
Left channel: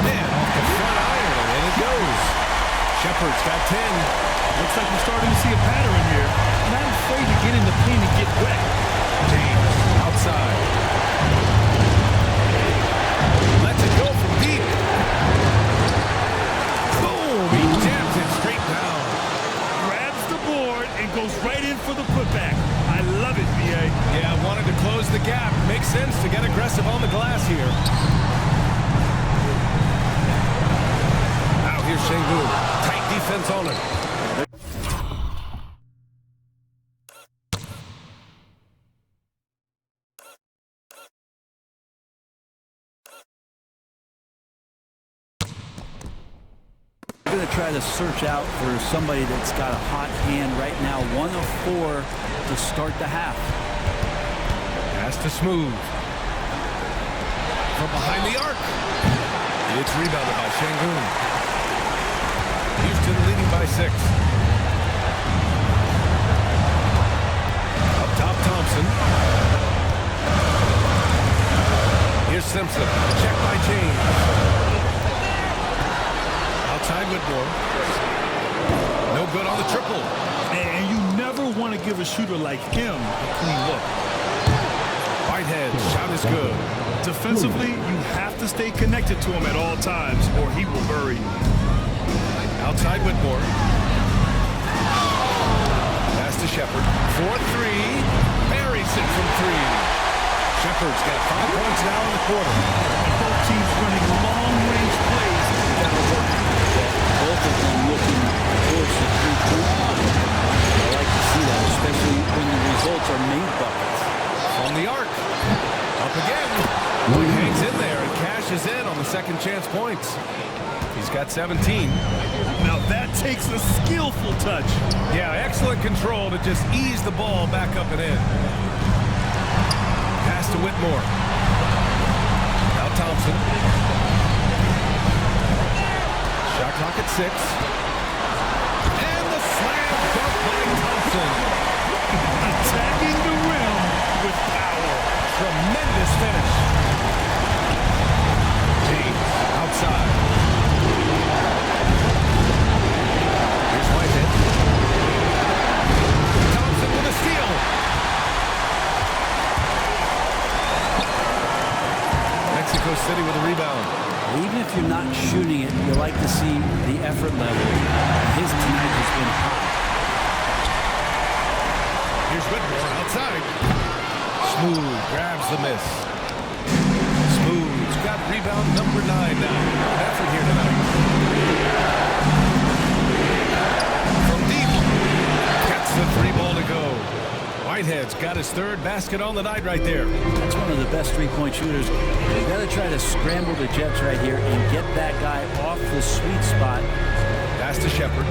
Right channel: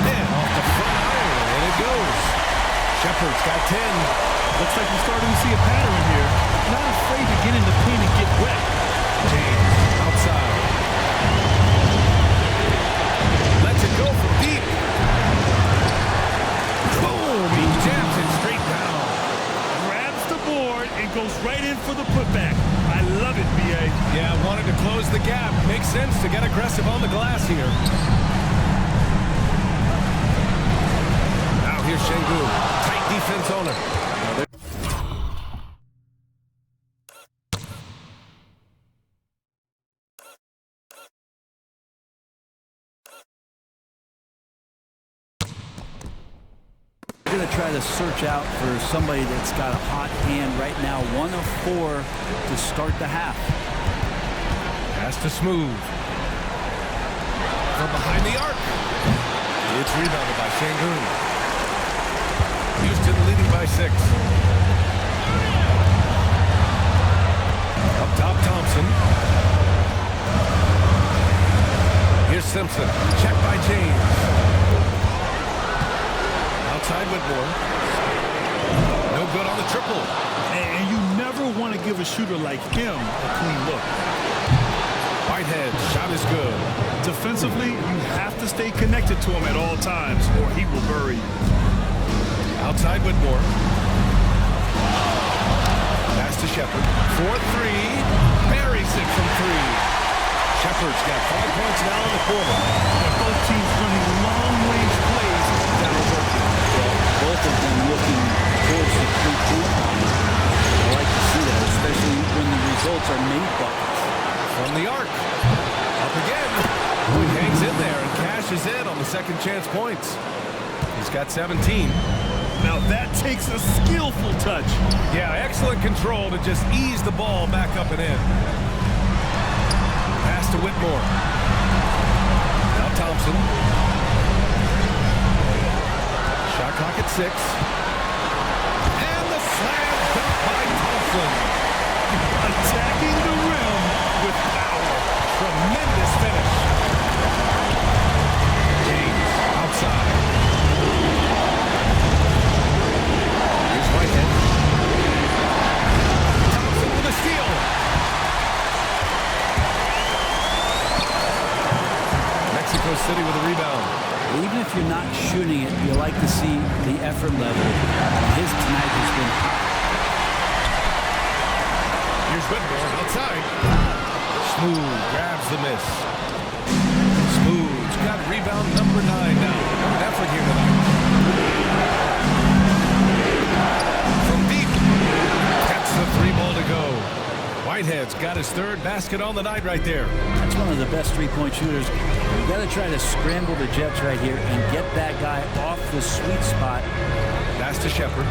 Man, off the front iron, and in it goes. Shepherd's got 10. Looks like we're starting to see a pattern here. Not afraid to get in the paint and get wet. James outside. Lets it go from deep. Boom! He jams it straight down. Grabs the board and goes right in for the putback. I love it, B.A. Yeah, wanted to close the gap. Makes sense to get aggressive on the glass here. Now here's Şengün. Tight defense on him. We're going to try to search out for somebody that's got a hot hand right now. 1 of 4 to start the half. Pass to Smooth. From behind the arc. It's rebounded by Şengün. Houston leading by 6. Up top, Thompson. Here's Simpson. Check by James. Outside Whitmore. No good on the triple. And you never want to give a shooter like him a clean look. Whitehead, shot is good. Defensively, you have to stay connected to him at all times or he will bury you. Outside Whitmore. Pass to Shepard. 4-3. Buries it from 3. Shepard's got 5 points now in the quarter. And both teams running long-range plays that are working. Well, both of them looking towards the three-point line. I like to see that, especially when the results are made buckets. From the arc. Up again. Boy, hangs in there and cashes in on the second chance points. He's got 17. Now that takes a skillful touch. Yeah, excellent control to just ease the ball back up and in. Pass to Whitmore. Now Thompson. Shot clock at 6. And the slam dunk by Thompson. Attacking the rim with power. Tremendous finish. James outside. Here's Whitehead. Thompson with a steal. Mexico City with a rebound. Even if you're not shooting it, you like to see the effort level. His tonight has been high. Here's Whitmore outside. Smooth grabs the miss. Smooth's got rebound number 9 now. Good effort here tonight. From deep. Gets the 3 ball to go. Whitehead's got his 3rd basket on the night right there. That's one of the best three-point shooters. You got to try to scramble the Jets right here and get that guy off the sweet spot. Pass to Shepard.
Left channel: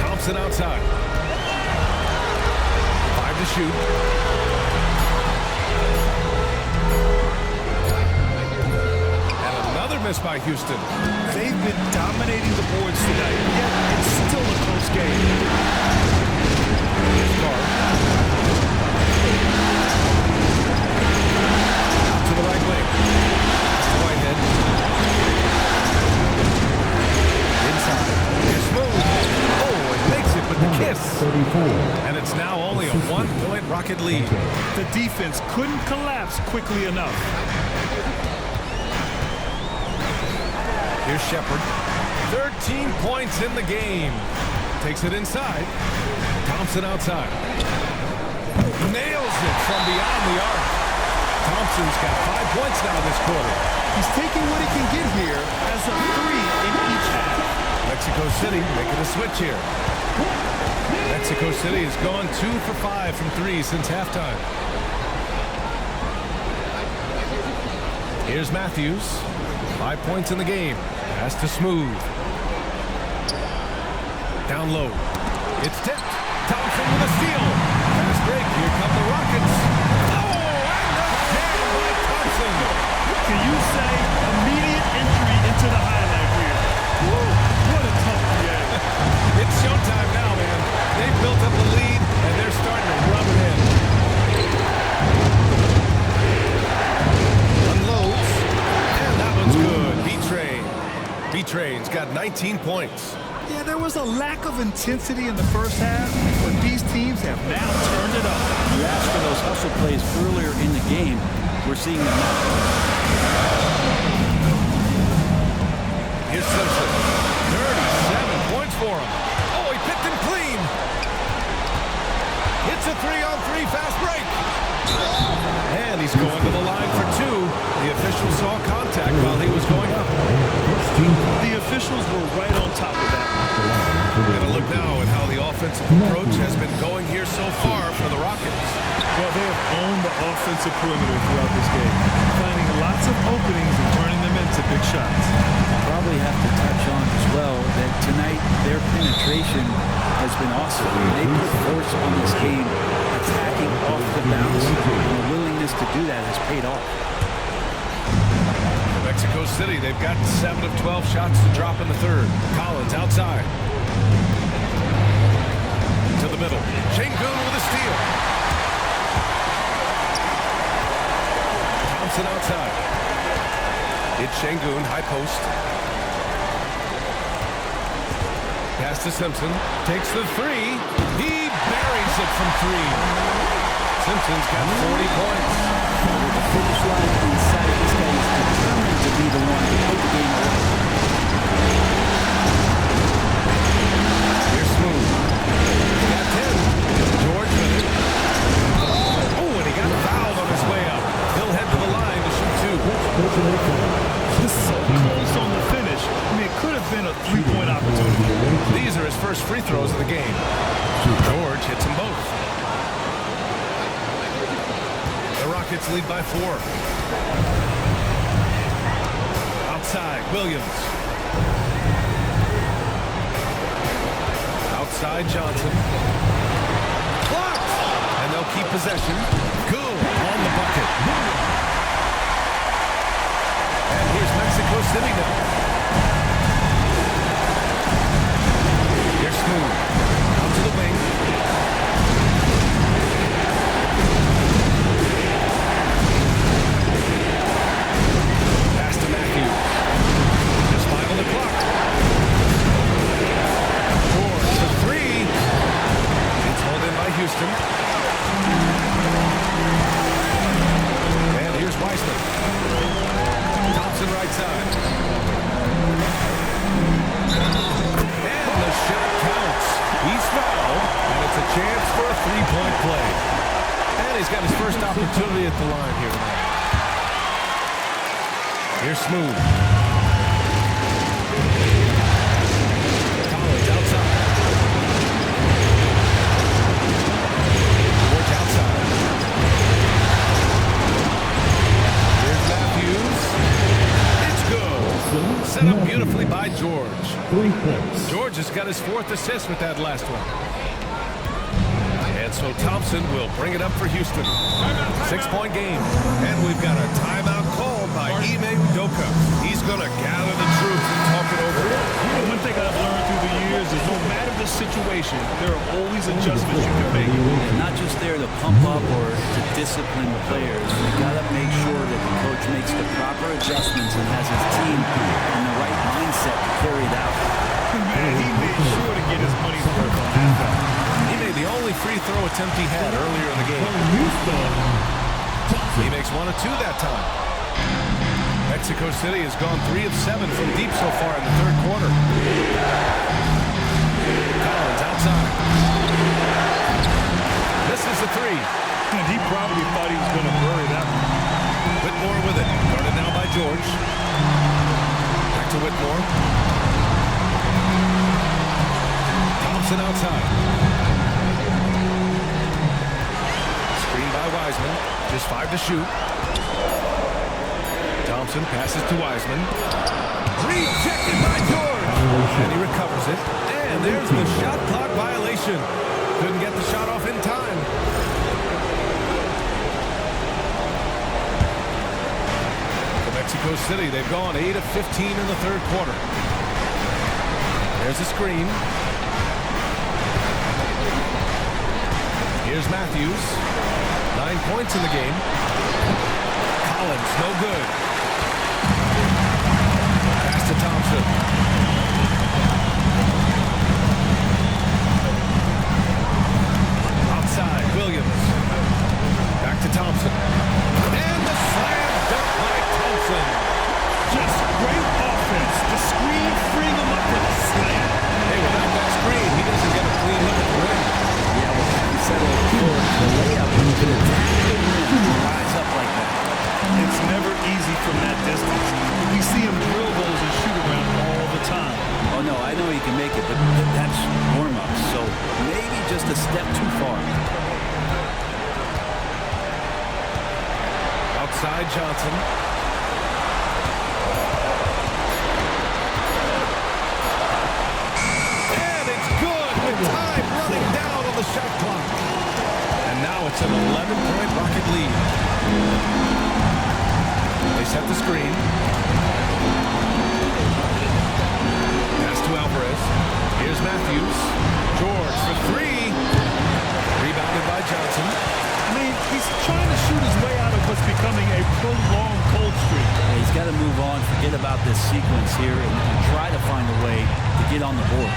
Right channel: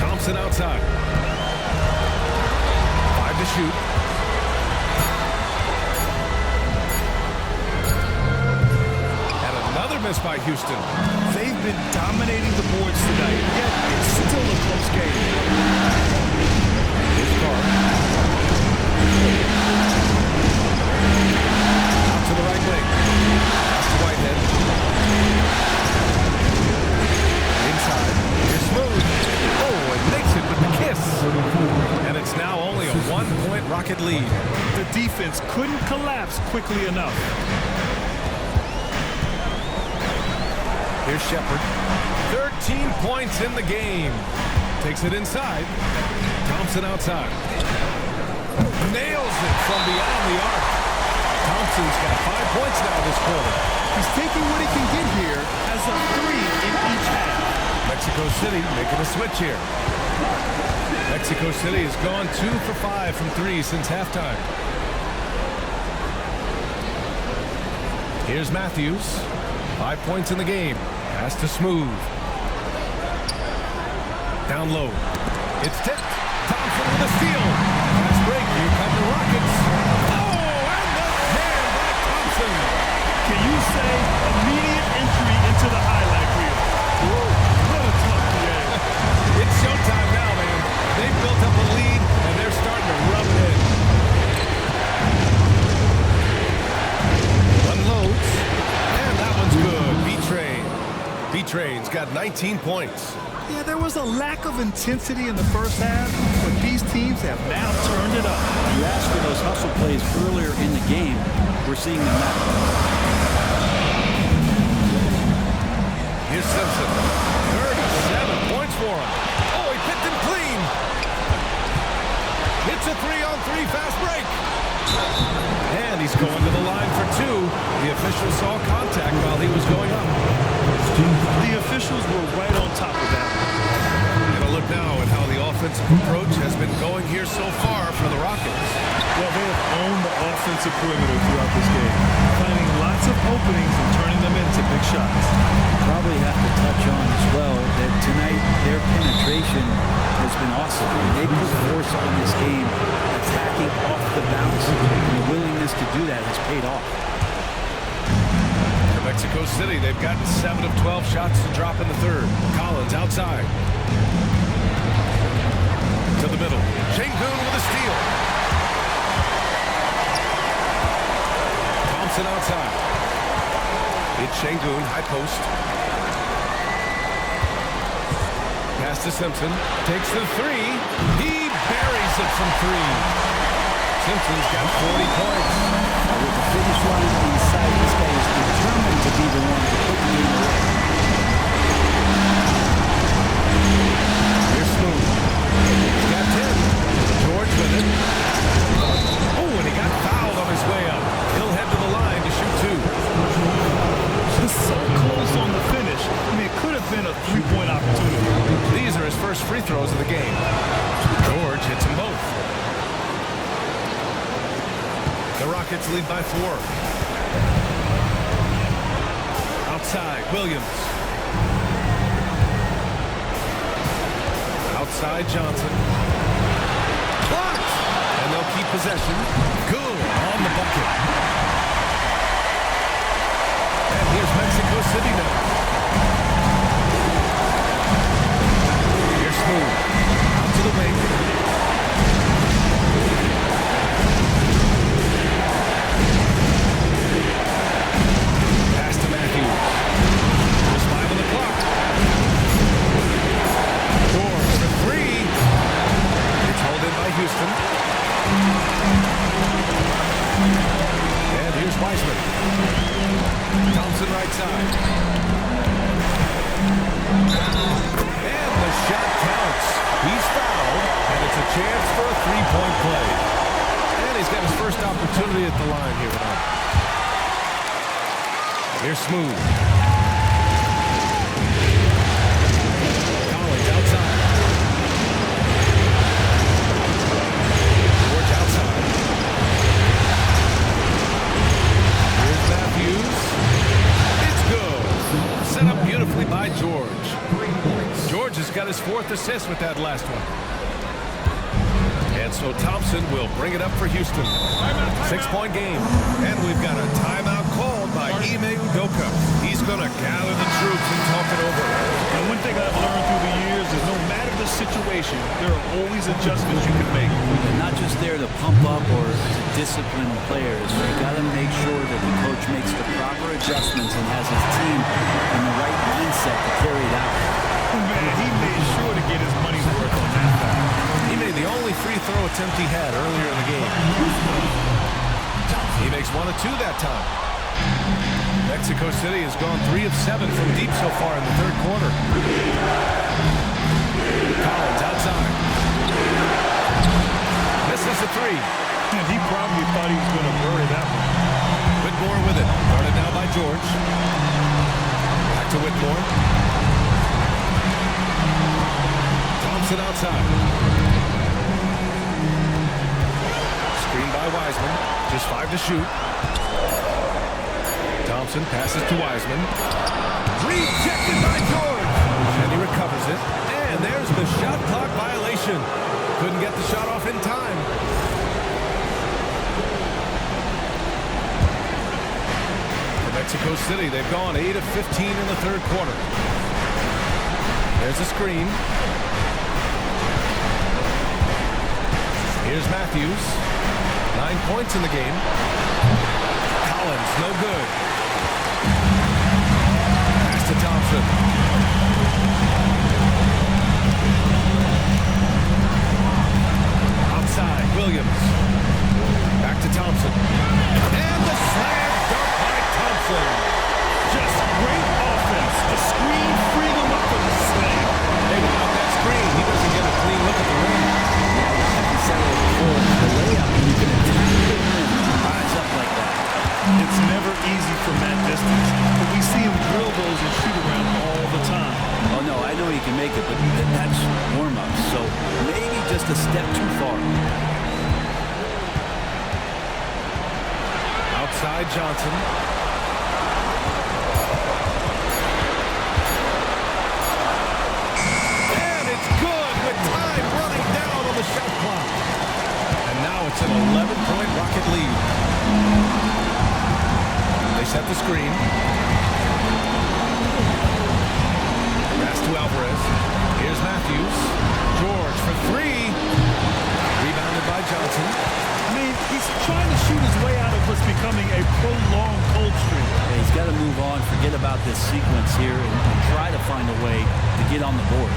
Thompson outside. 5 to shoot. And another miss by Houston. They've been dominating the boards tonight, yet it's still a close game. Here's Carr. Out to the right wing. Pass to Whitehead. Inside. Here's Smooth. Oh, and makes it with the kiss. And it's now only a 1-point Rocket lead. The defense couldn't collapse quickly enough. Here's Shepard. 13 points in the game. Takes it inside. Thompson outside. Nails it from beyond the arc. Thompson's got 5 points now this quarter. He's taking what he can get here as a 3 in each half. Mexico City making a switch here. Mexico City has gone 2 for 5 from 3 since halftime. Here's Matthews. 5 points in the game. Pass to Smooth. Down low. It's tipped. Thompson with a steal. Fast break. Here come the Rockets. Oh, and the jam by Thompson. Can you say immediate entry into the highlight reel? Woo, what a tough PA. It's showtime now, man. They've built up a lead, and they're starting to rub it in. Unloads. And that one's good. B-Train. B-Train's got 19 points. Yeah, there was a lack of intensity in the first half, but these teams have now turned it up. You asked for those hustle plays earlier in the game. We're seeing them now. Here's Simpson. 37 points for him. Oh, he picked him clean. It's a 3-on-3 fast break. And he's going to the line for 2. The official saw contact while he was going up. The officials were right on top of that. And a look now at how the offensive approach has been going here so far for the Rockets. Well, they have owned the offensive perimeter throughout this game, finding lots of openings and turning them into big shots. Probably have to touch on as well that tonight their penetration has been awesome. They put force on this game, attacking off the bounce, and the willingness to do that has paid off. For Mexico City, they've gotten 7 of 12 shots to drop in the third. Collins outside. To the middle. Şengün with a steal. Thompson outside. It's Şengün, high post. Pass to Simpson. Takes the three. He buries it from three. Simpson's got 40 points. With the finish line in sight, this guy is determined to be the one to put the game away. Here's Smooth. He's got 10. George with it. Oh, and he got fouled on his way up. He'll head to the line to shoot two. So close on the finish. I mean, it could have been a three-point opportunity. These are his first free throws of the game. George hits them both. The Rockets lead by 4. Outside, Williams. Outside, Johnson. Blocked! And they'll keep possession. Good on the bucket. And here's Mexico City now. Here's Smooth. Out to the wing. Pass to Matthews. Just 5 on the clock. George for three. It's hauled in by Houston. And here's Wiseman. Thompson right side. And the shot counts. He's fouled, and it's a chance for a three-point play. And he's got his first opportunity at the line here tonight. Here's Smooth. Collins outside. George outside. Here's Matthews. Set up beautifully by George. 3 points. George has got his 4th assist with that last one. And so Thompson will bring it up for Houston. 6-point game. And we've got a timeout called by Ime Udoka. He's going to gather the troops and talk it over. And one thing I've learned through the years is no matter the situation, there are always adjustments you can make. And not just there to pump up or to discipline players. You got to make sure that the coach makes the proper adjustments and has his team in the right mindset to carry it out. Man, he made sure to get his money's worth on that foul. He made the only free throw attempt he had earlier in the game. He makes 1 of 2 that time. Mexico City has gone 3 of 7 from deep so far in the 3rd quarter. Collins outside. Misses the 3. And he probably thought he was going to bury that one. Whitmore with it. Guarded now by George. Back to Whitmore. Thompson outside. Screen by Wiseman. Just 5 to shoot. Thompson passes to Wiseman. Rejected by George. And he recovers it. And there's the shot clock violation. Couldn't get the shot off in time. For Mexico City, they've gone 8 of 15 in the 3rd quarter. There's a screen. Here's Matthews. 9 points in the game. Collins, no good. Pass to Thompson. Outside, Williams. Back to Thompson. And the slam dunk by Thompson. Just great offense. The screen freeing him up for the slam. Hey, without that screen, he doesn't get a clean look at the rim. Yeah, well, like you said before, the layup, when you can attack the rim and rise up like that. It's never easy from that distance. But we see him drill those and shoot around all the time. Oh, no, I know he can make it, but that's warm-up. So maybe just a step too far. Outside Johnson. And it's good with time running down on the shot clock. And now it's an 11-point Rocket lead. They set the screen. Pass to Alvarez. Here's Matthews. George for 3. Rebounded by Johnson. I mean, he's trying to to shoot his way out of what's becoming a prolonged cold streak. Yeah, he's got to move on, forget about this sequence here, and try to find a way to get on the board.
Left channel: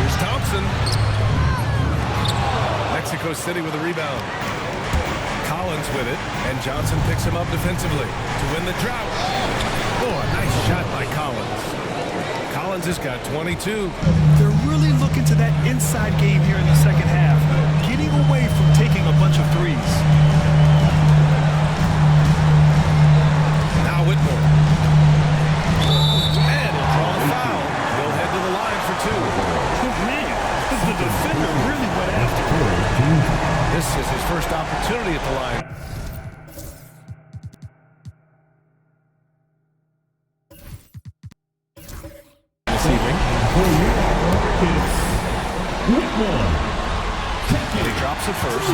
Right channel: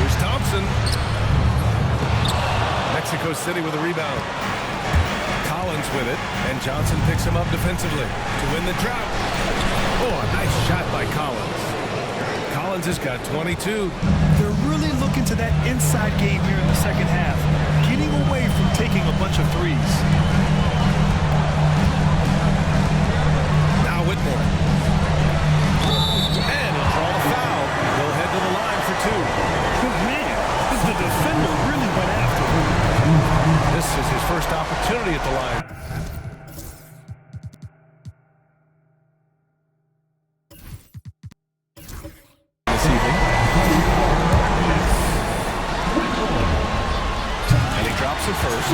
Here's Thompson. Mexico City with a rebound. Collins with it, and Johnson picks him up defensively to win the drought. Oh, a nice shot by Collins. Collins has got 22. They're really looking to that inside game here in the second half, getting away from taking a bunch of threes. Now Whitmore. And he'll draw the foul. He'll head to the line for two. Oh, man, the defender really went after him. This is his first opportunity at the line. This evening. And he drops it first.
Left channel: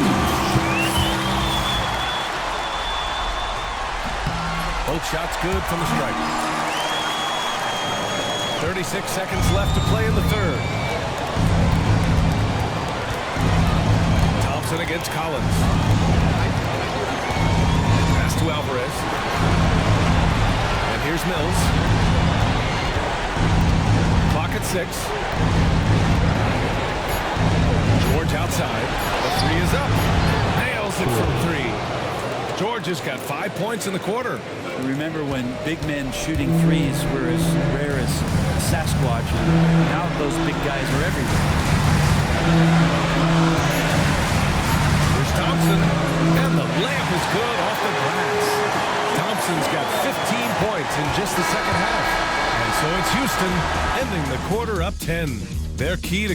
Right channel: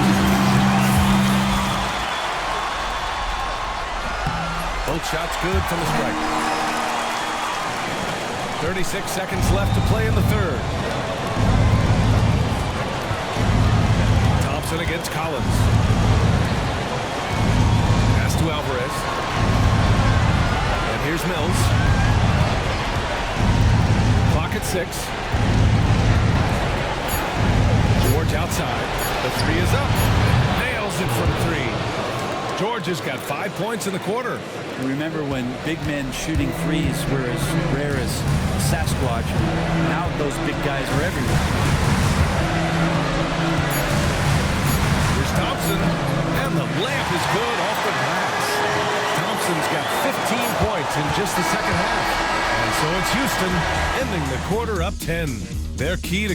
Both shots good from the stripe. 36 seconds left to play in the third. Thompson against Collins. Pass to Alvarez. And here's Mills. Clock at 6. George outside. The three is up. Nails it from 3. George has got 5 points in the quarter. Remember when big men shooting threes were as rare as Sasquatch, and now those big guys are everywhere. Here's Thompson, and the layup is good off the glass. Thompson's got 15 points in just the second half. And so it's Houston ending the quarter up 10. Their key to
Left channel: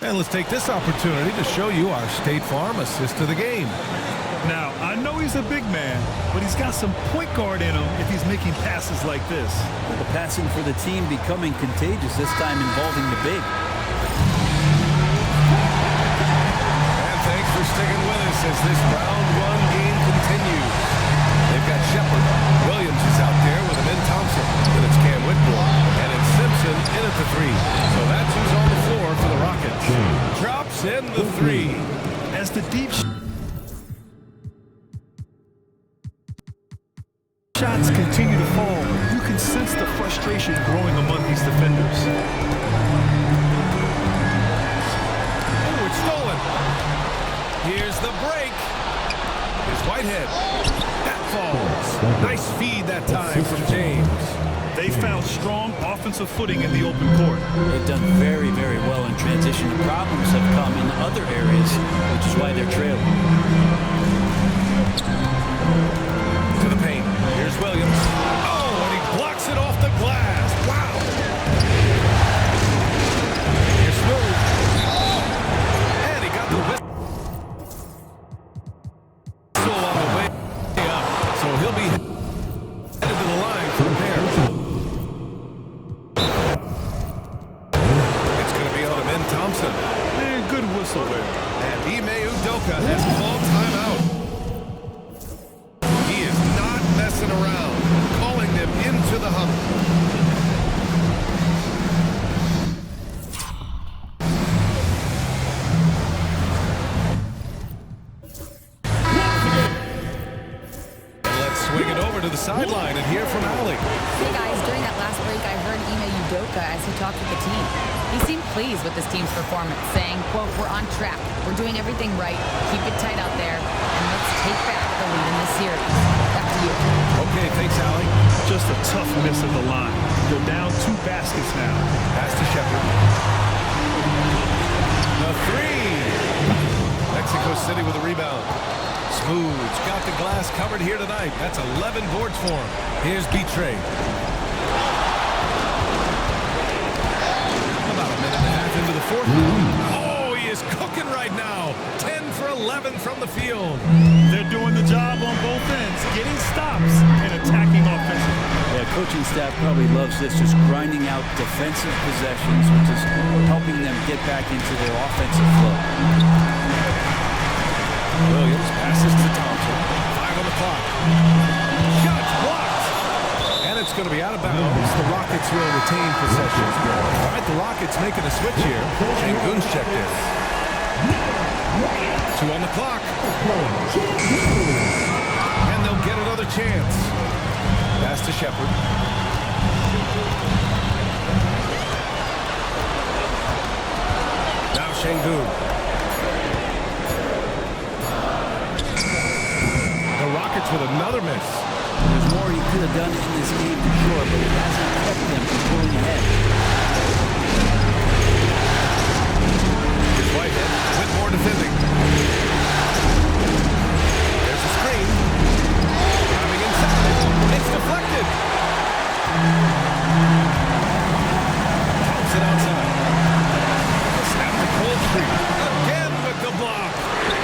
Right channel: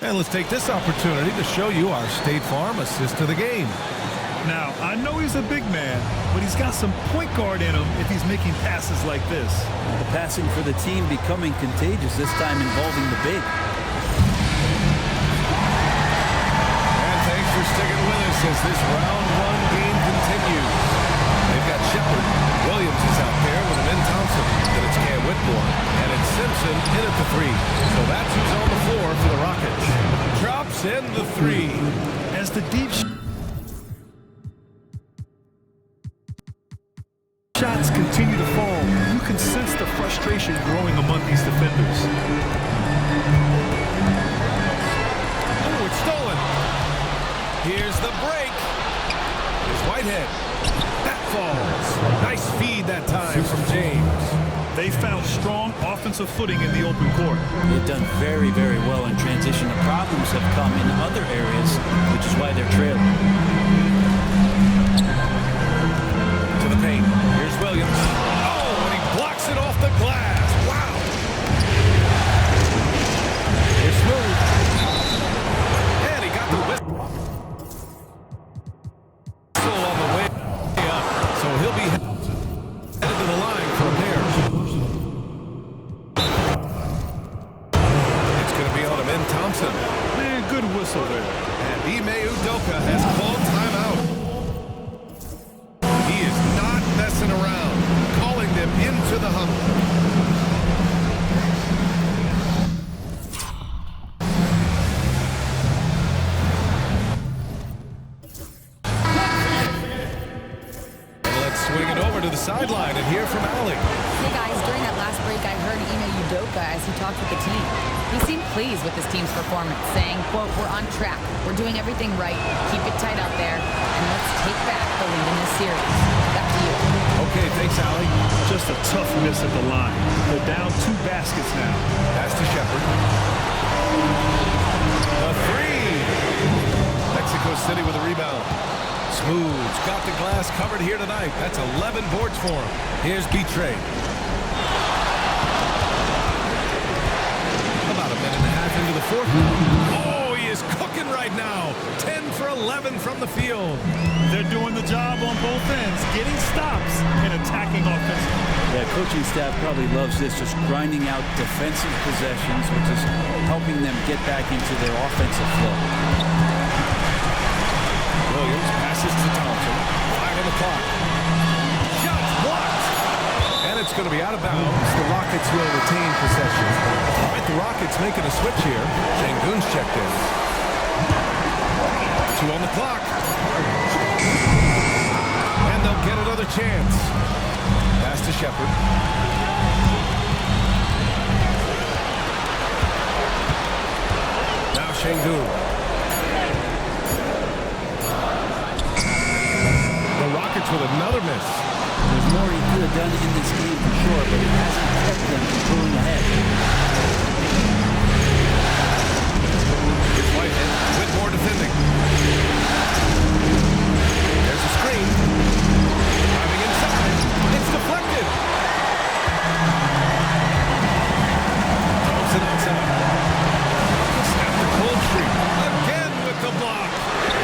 and let's take this opportunity to show you our State Farm assist to the game. Now, I know he's a big man, but he's got some point guard in him if he's making passes like this. Well, the passing for the team becoming contagious, this time involving the big. And thanks for sticking with us as this round 1 game continues. They've got Shepard. Williams is out there with him in Thompson. Then it's Cam Whitmore. And it's Simpson in at the 3. So that's who's on the floor for the Rockets. Drops in the 3. As the deep shots continue to fall, you can sense the frustration growing among these defenders. Oh, it's stolen. Here's the break. Here's Whitehead. That falls. Nice feed that time from James. They found strong offensive footing in the open court. They've done very, very well in transition. The problems have come in other areas, which is why they're trailing. To the paint. Here's Williams. Oh, and he blocks it off the glass. Wow. Here's Smooth. And he got the whistle on the way up. So he'll be headed to the line for a pair. It's going to be on him in Thompson. Man, good whistle there. And Ime Udoka has called timeout. He is not messing around, calling them into the huddle. Swing it over to the sideline and hear from Allie. Hey guys, during that last break I heard Ime Udoka as he talked with the team. He seemed pleased with his team's performance, saying, quote, "We're on track. We're doing everything right. Keep it tight out there, and let's take back the lead in this series." Back to you. Okay, thanks, Allie. Just a tough miss at the line. They're down 2 baskets now. Pass to Shepard. The 3. Mexico City with a rebound. Smooth's got the glass covered here tonight. That's 11 boards for him. Here's Betray. About a minute and a half into the fourth now. Oh, he is cooking right now. 10 for 11 from the field. They're doing the job on both ends, getting stops and attacking offensively. Yeah, coaching staff probably loves this, just grinding out defensive possessions, which is helping them get back into their offensive flow. Williams passes to Thompson. 5 on the clock. Shots blocked. And it's going to be out of bounds. The Rockets will retain possession. All right, the Rockets making a switch here. Şengün's checked in. 2 on the clock. And they'll get another chance. Pass to Shepard. Now Şengün. The Rockets with another miss. There's more he could have done in this game for sure, but it hasn't kept them from pulling ahead. It's Whitehead with more defending. There's a screen. Driving inside. It's deflected. Thompson outside. Snap the cold streak. Again with the block.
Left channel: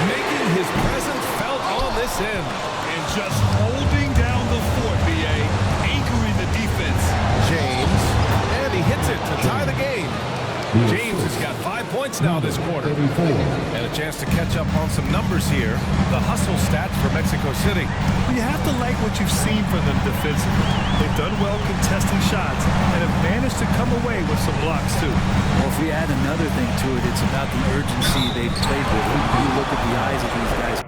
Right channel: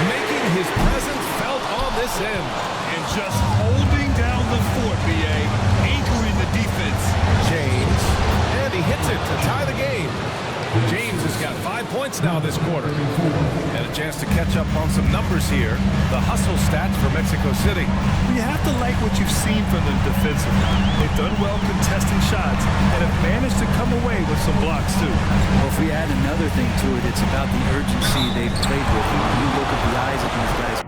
Making his presence felt on this end. And just holding down the fort, B.A., anchoring the defense. James, and he hits it to tie the game. James has got 5 points now this quarter. And a chance to catch up on some numbers here. The hustle stats for Mexico City. You have to like what you've seen from them defensively. They've done well contesting shots and have managed to come away with some blocks, too. Well, if we add another thing to it, it's about the urgency they've played with. When you look at the eyes of these guys.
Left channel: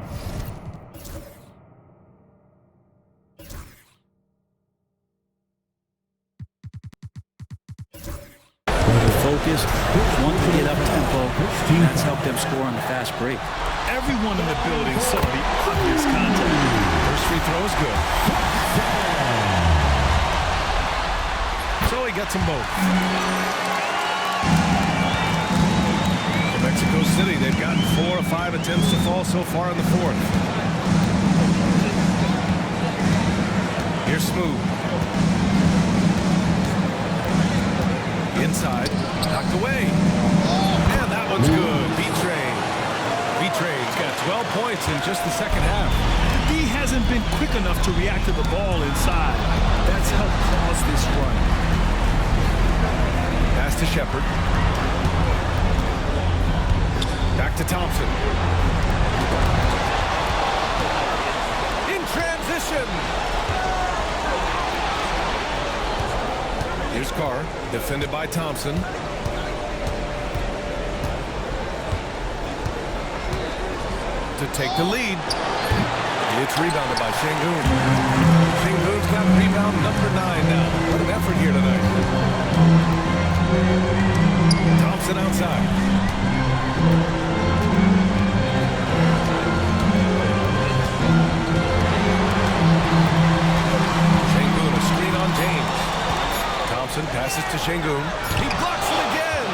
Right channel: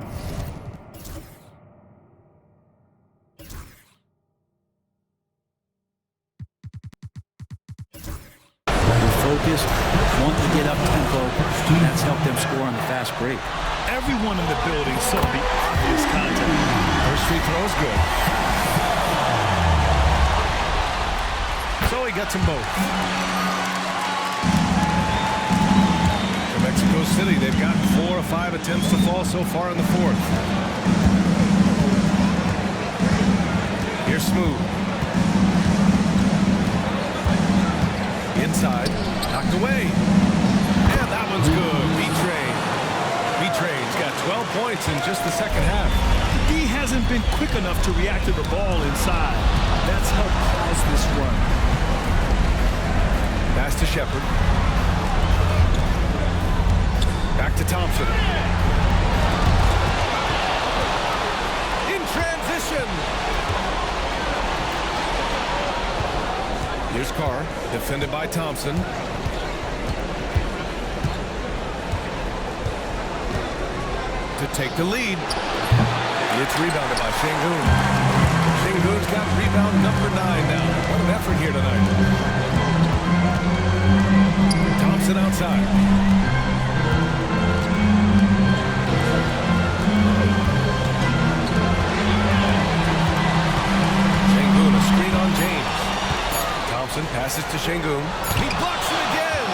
Focused, wanting to get up tempo, and that's helped them score on the fast break. Everyone in the building saw the obvious contact. First free throw is good. So he gets them both. For Mexico City, they've gotten 4 of 5 attempts to fall so far in the fourth. Here's Smooth. Inside, knocked away. And that one's good. B-Train's got 12 points in just the second half. The D hasn't been quick enough to react to the ball inside. That's helped cause this run. Pass to Shepard. Back to Thompson. In transition. Here's Carr, defended by Thompson. To take the lead. It's rebounded by Şengün. Şengün's got rebound number 9 now. What an effort here tonight. Thompson outside. Şengün, a screen on James. Thompson passes to Şengün. He blocks it again!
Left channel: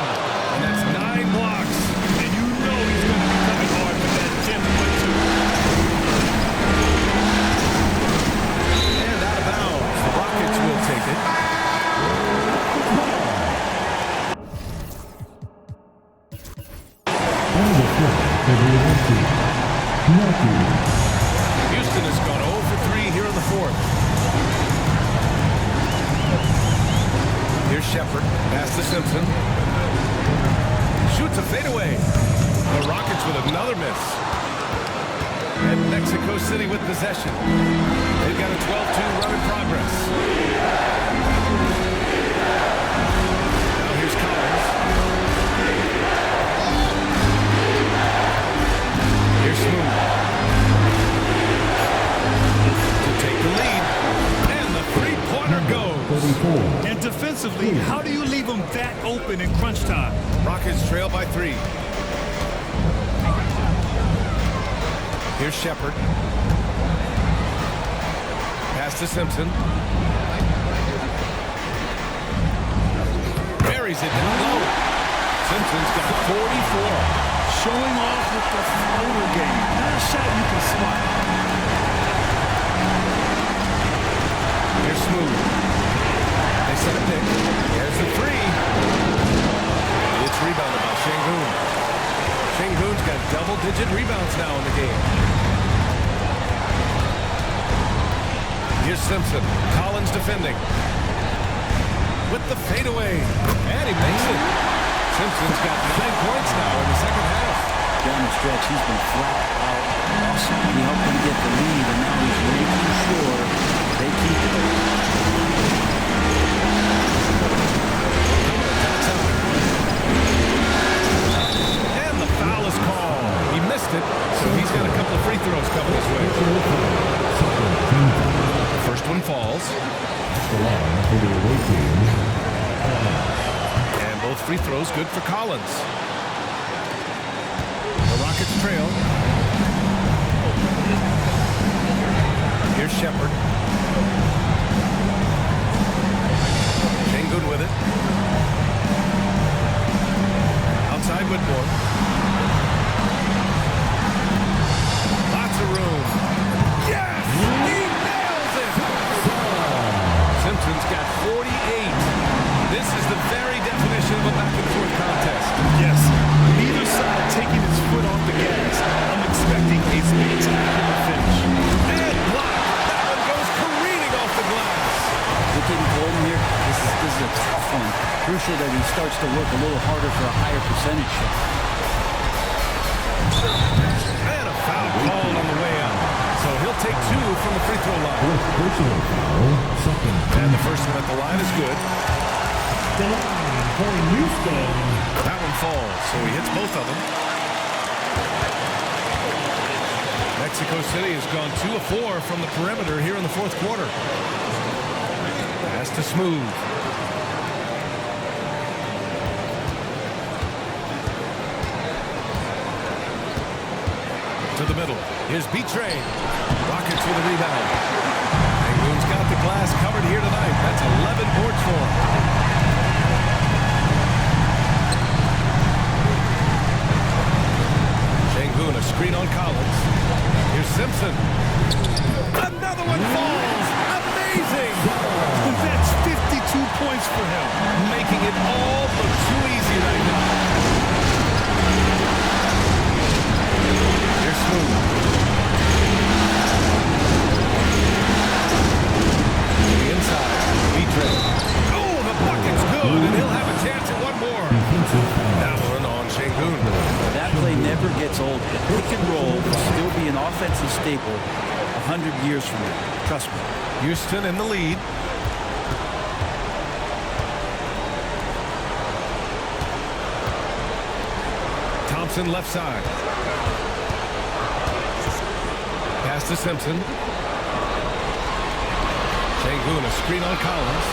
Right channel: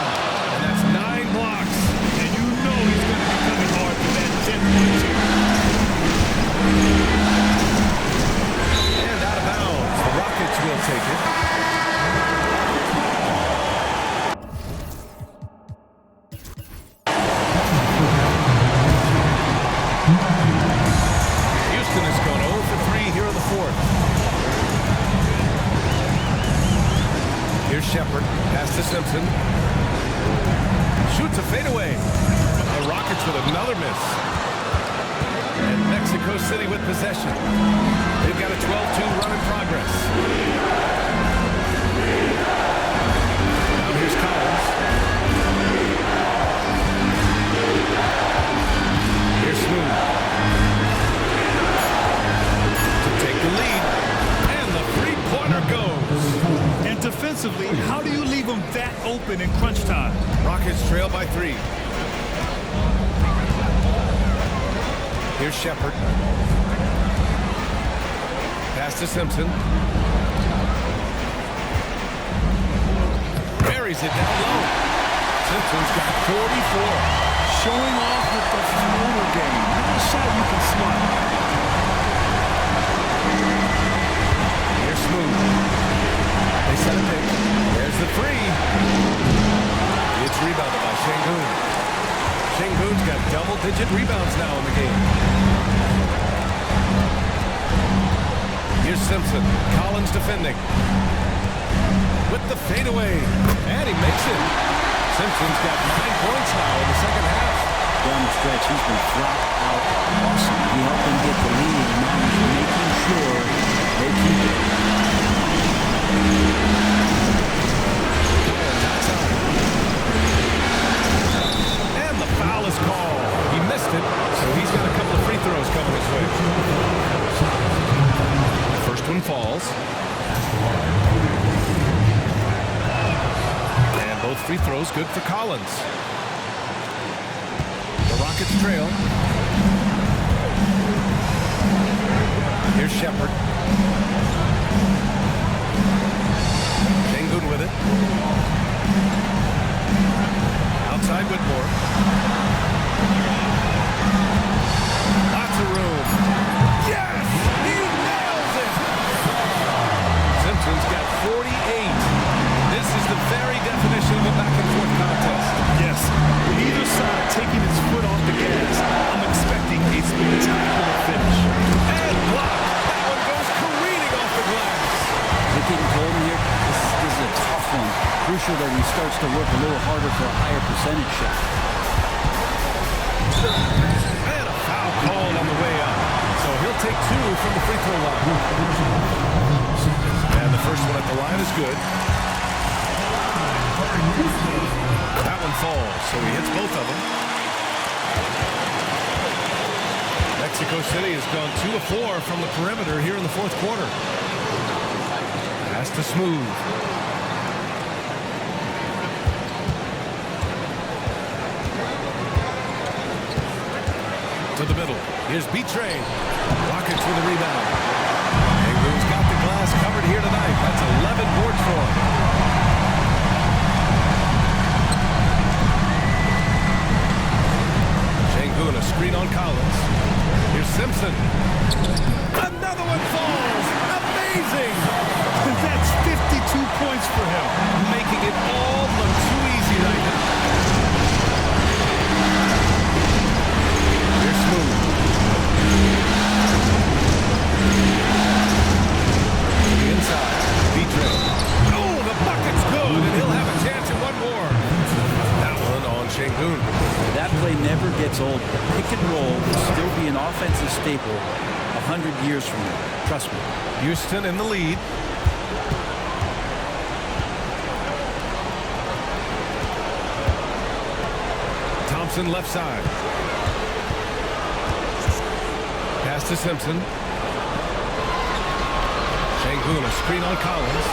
And that's 9 blocks. And you know he's going to be coming hard for that 10-1-2. And out of bounds. The Rockets will take it. Houston has gone 0 for 3 here in the fourth. Here's Shepard. Pass to Simpson. Shoots a fadeaway. The Rockets with another miss. And Mexico City with possession. They've got a 12-2 run in progress. Now here's Collins. Here's Smooth. To take the lead. And the three-pointer goes. And defensively, how do you leave them that open in crunch time? Rockets trail by 3. Here's Shepard. Pass to Simpson. Buries it down low. Simpson's got 44. Showing off with the floater game. Not a shot you can swat. Here's Smooth. They set a pick. There's the 3. It's rebounded by Şengün. Şengün's got double-digit rebounds now in the game. Here's Simpson. Collins defending. With the fadeaway. And he makes it. Simpson's got 9 points now in the second half. Down the stretch, he's been flat out awesome. He helped them get the lead, and now he's making sure they keep it. Collins outside. And the foul is called. He missed missed it, so he's got a couple of free throws coming his way. The first one falls. And both free throws good for Collins. The Rockets trail. Here's Shepard. Sengun with it. Outside Whitmore. Lots of room. Yes! He nails it! Simpson's got 48. This is the very definition of a back-and-forth contest. Yes, neither side taking its foot off the gas. I'm expecting a spectacular finish. And block. That one goes careening off the glass. Is it getting cold in here? This is a tough one. Crucial that he starts to work a little harder for a higher percentage shot. And a foul called on the way up. So he'll take 2 from the free throw line. And the first one at the line is good. That one falls, so he hits both of them. Mexico City has gone 2 of 4 from the perimeter here in the fourth quarter. Pass to Smooth. To the middle. Here's B-Train. Rockets with a rebound. Sengun's got the glass covered here tonight. That's 11 boards for him. Sengun, a screen on Collins. Here's Simpson. Another one falls. Amazing. That's 52 points for him. Making it all look too easy right now. Here's Smooth. To the inside. B-Train. Oh, the bucket's good, and he'll have a chance at one more. That one on Sengun. That play never gets old. The pick and roll will still be an offensive staple 100 years from now. Trust me. Houston in the lead. Thompson left side. Pass to Simpson. Sengun, a screen on Collins.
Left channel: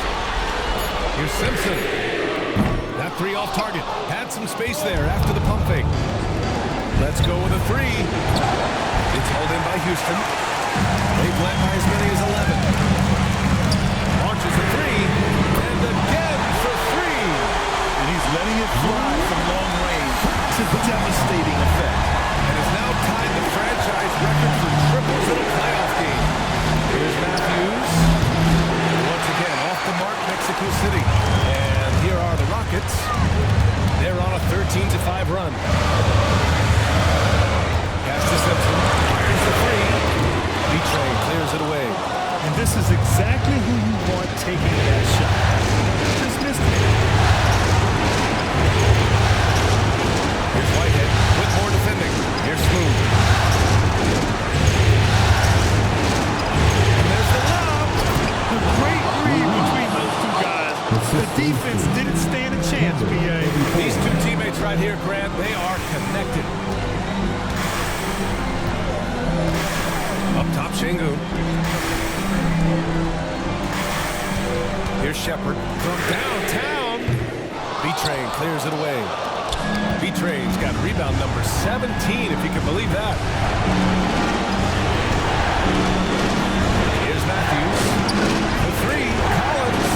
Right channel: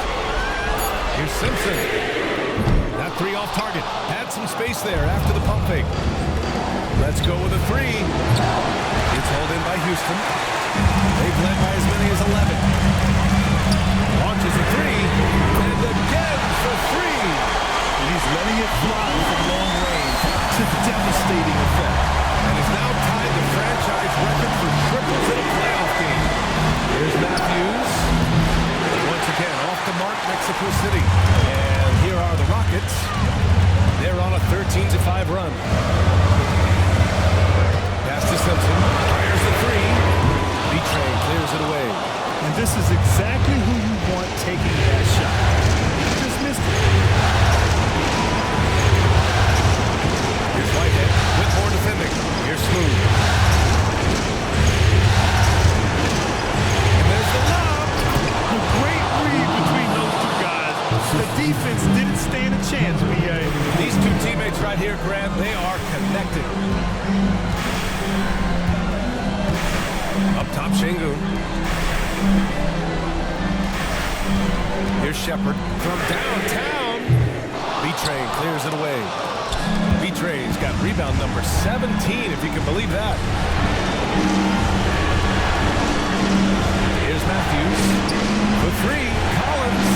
Here's Simpson. That 3 off target. Had some space there after the pump fake. Let's go with a 3. It's hauled in by Houston. They've led by as many as 11. Launches a 3. And again for 3. And he's letting it fly from long range to devastating effect. And has now tied the franchise record for triples in a playoff game. Here's Matthews. Once again, off the mark, Mexico City. And here are the Rockets. They're on a 13-5 run. Pass to Simpson. Fires the 3. B-Train clears it away. And this is exactly who you want taking that shot. Just missed it. Here's Whitehead. Whitmore defending. Here's Smooth. And there's the lob. A great read between those two guys. The defense didn't stand a chance, B.A. These two teammates right here, Grant, they are connected. Up top, Sengun. Here's Shepard from downtown. B-Train clears it away. B-Train's got rebound number 17, if you can believe that. Here's Matthews. For 3, Collins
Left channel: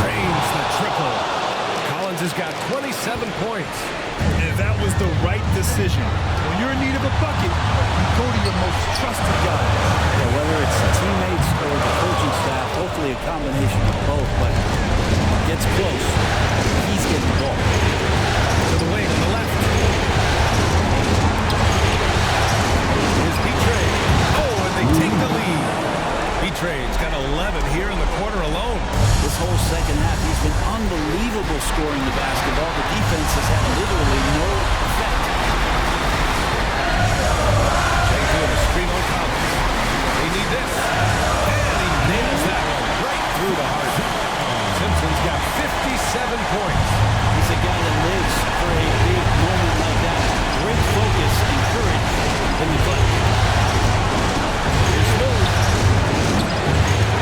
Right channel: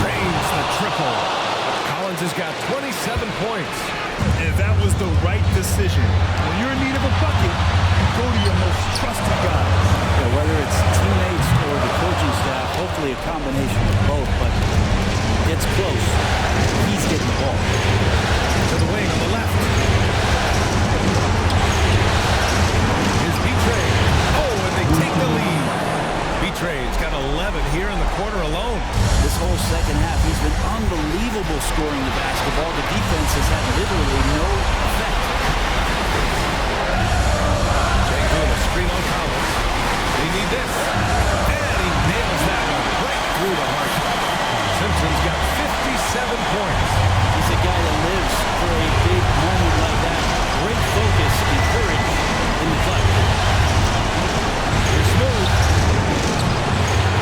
drains the triple. Collins has got 27 points. And that was the right decision. When you're in need of a bucket, you go to your most trusted guys. Yeah, whether it's teammates or the coaching staff, hopefully a combination of both, but gets close. He's getting the ball. To the wing on the left. Here's B-Train. Oh, and they take the lead. B-Train's got 11 here in the quarter alone. This whole second half, he's been unbelievable scoring the basketball. The defense has had literally no effect. Sengun, a screen on Collins. They need this. And he nails that one right through the heart. Simpson's got 57 points. He's a guy that lives for a big moment like that. great focus and courage in the clutch. Here's Smooth.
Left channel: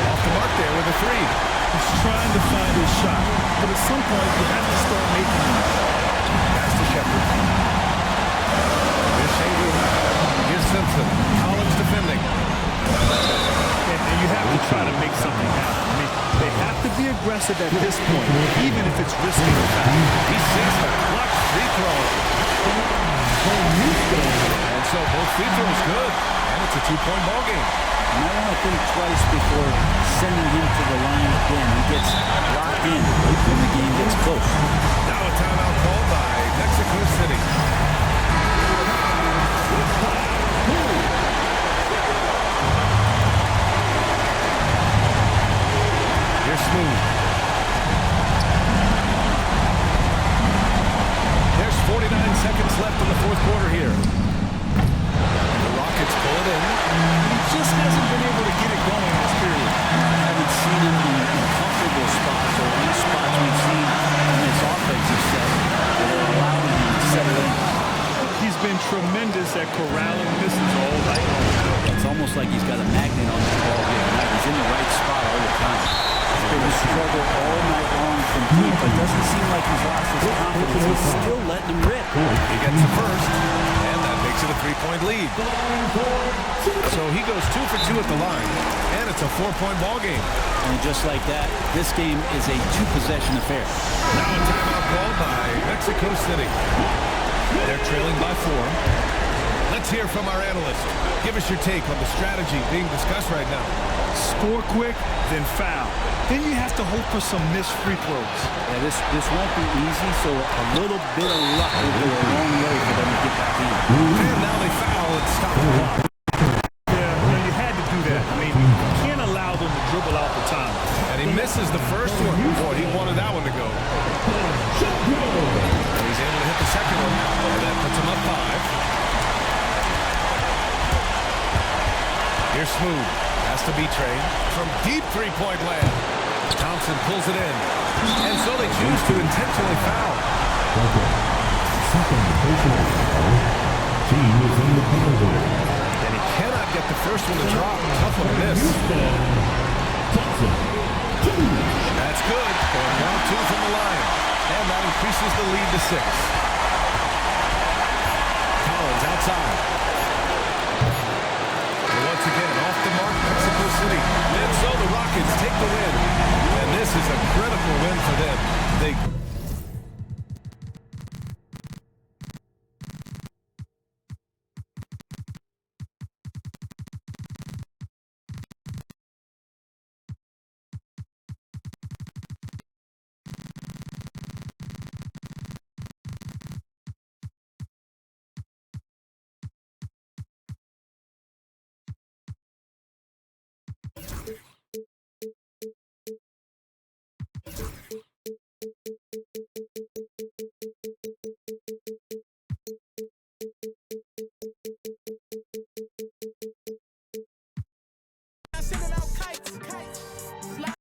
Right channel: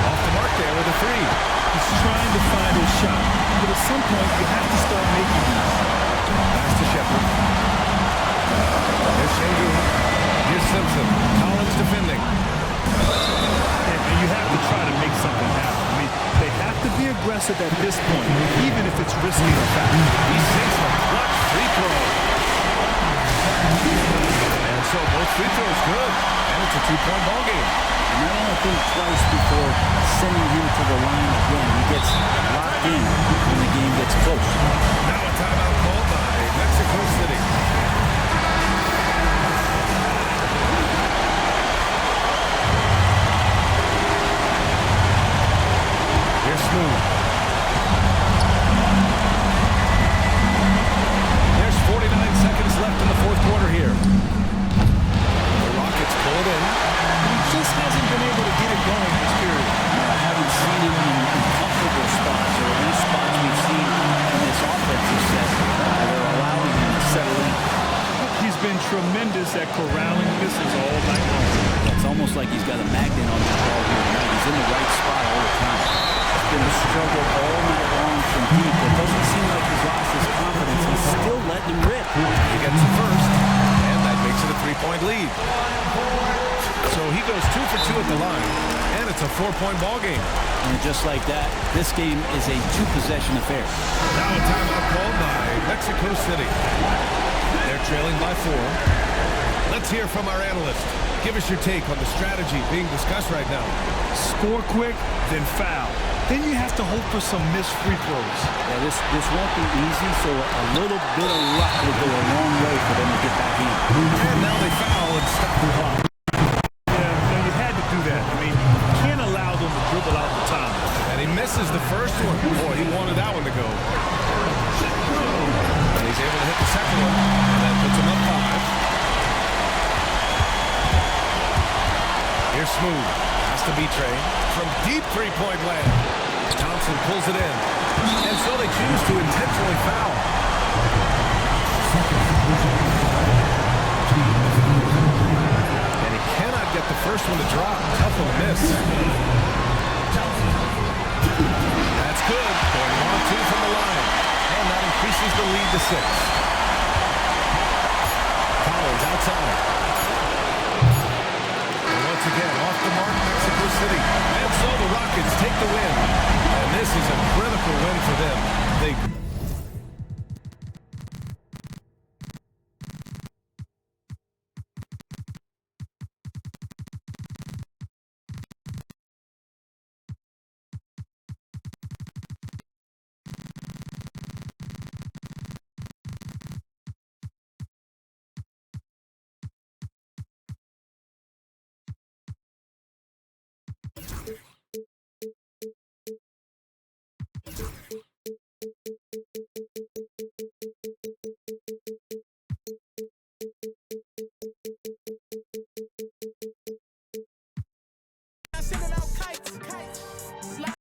Off the mark there with a three. He's trying to find his shot, but at some point you have to start making these. Pass to Shepard. Here's Sengun. Here's Simpson. Collins defending. And you have to try to make something happen. I mean, they have to be aggressive at this point, even if it's risky or fast. He sinks the clutch free throw. And so both free throws good. And it's a two-point ball game. You might want to think twice before sending him to the line again. He gets locked in when the game gets close. Now a timeout called by Mexico City. Here's Smooth. There's 49 seconds left in the fourth quarter here. The Rockets pull it in. And he just hasn't been able to get it going this period. I haven't seen him in comfortable spots, or at least spots we've seen in this offensive set that are allowing him to settle in. He's been tremendous at corralling misses all night long. Yeah, it's almost like he's got a magnet on that ball here tonight. He's in the right spot all the time. It's been a struggle all night long from deep, but it doesn't seem like he's lost his confidence. He's still letting him rip. He gets the first, and that makes it a three-point lead. So he goes 2 for 2 at the line, and it's a 4-point ball game. And just like that, this game is a two-possession affair. Now a timeout called by Mexico City. They're trailing by 4. Let's hear from our analyst. Give us your take on the strategy being discussed right now. Score quick, then foul. Then you have to hope for some missed free throws. Yeah, this won't be easy, so a little bit of luck will go a long way for them to get back in. And now they foul and stop the clock. Yeah, you had to do that. I mean, you can't allow them to dribble out the time. And he misses the first one. Boy, he wanted that one to go. And he's able to hit the second one, and that puts him up 5. Here's Smooth. Has to be Trey from deep three-point land. Thompson pulls it in. And so they choose to intentionally foul. And he cannot get the first one to drop. Tough one to miss. That's good. Going 1 of 2 from the line. And that increases the lead to 6. Collins outside. Once again, off the mark, Mexico City. And so the Rockets take the win. And this is a critical win for them. They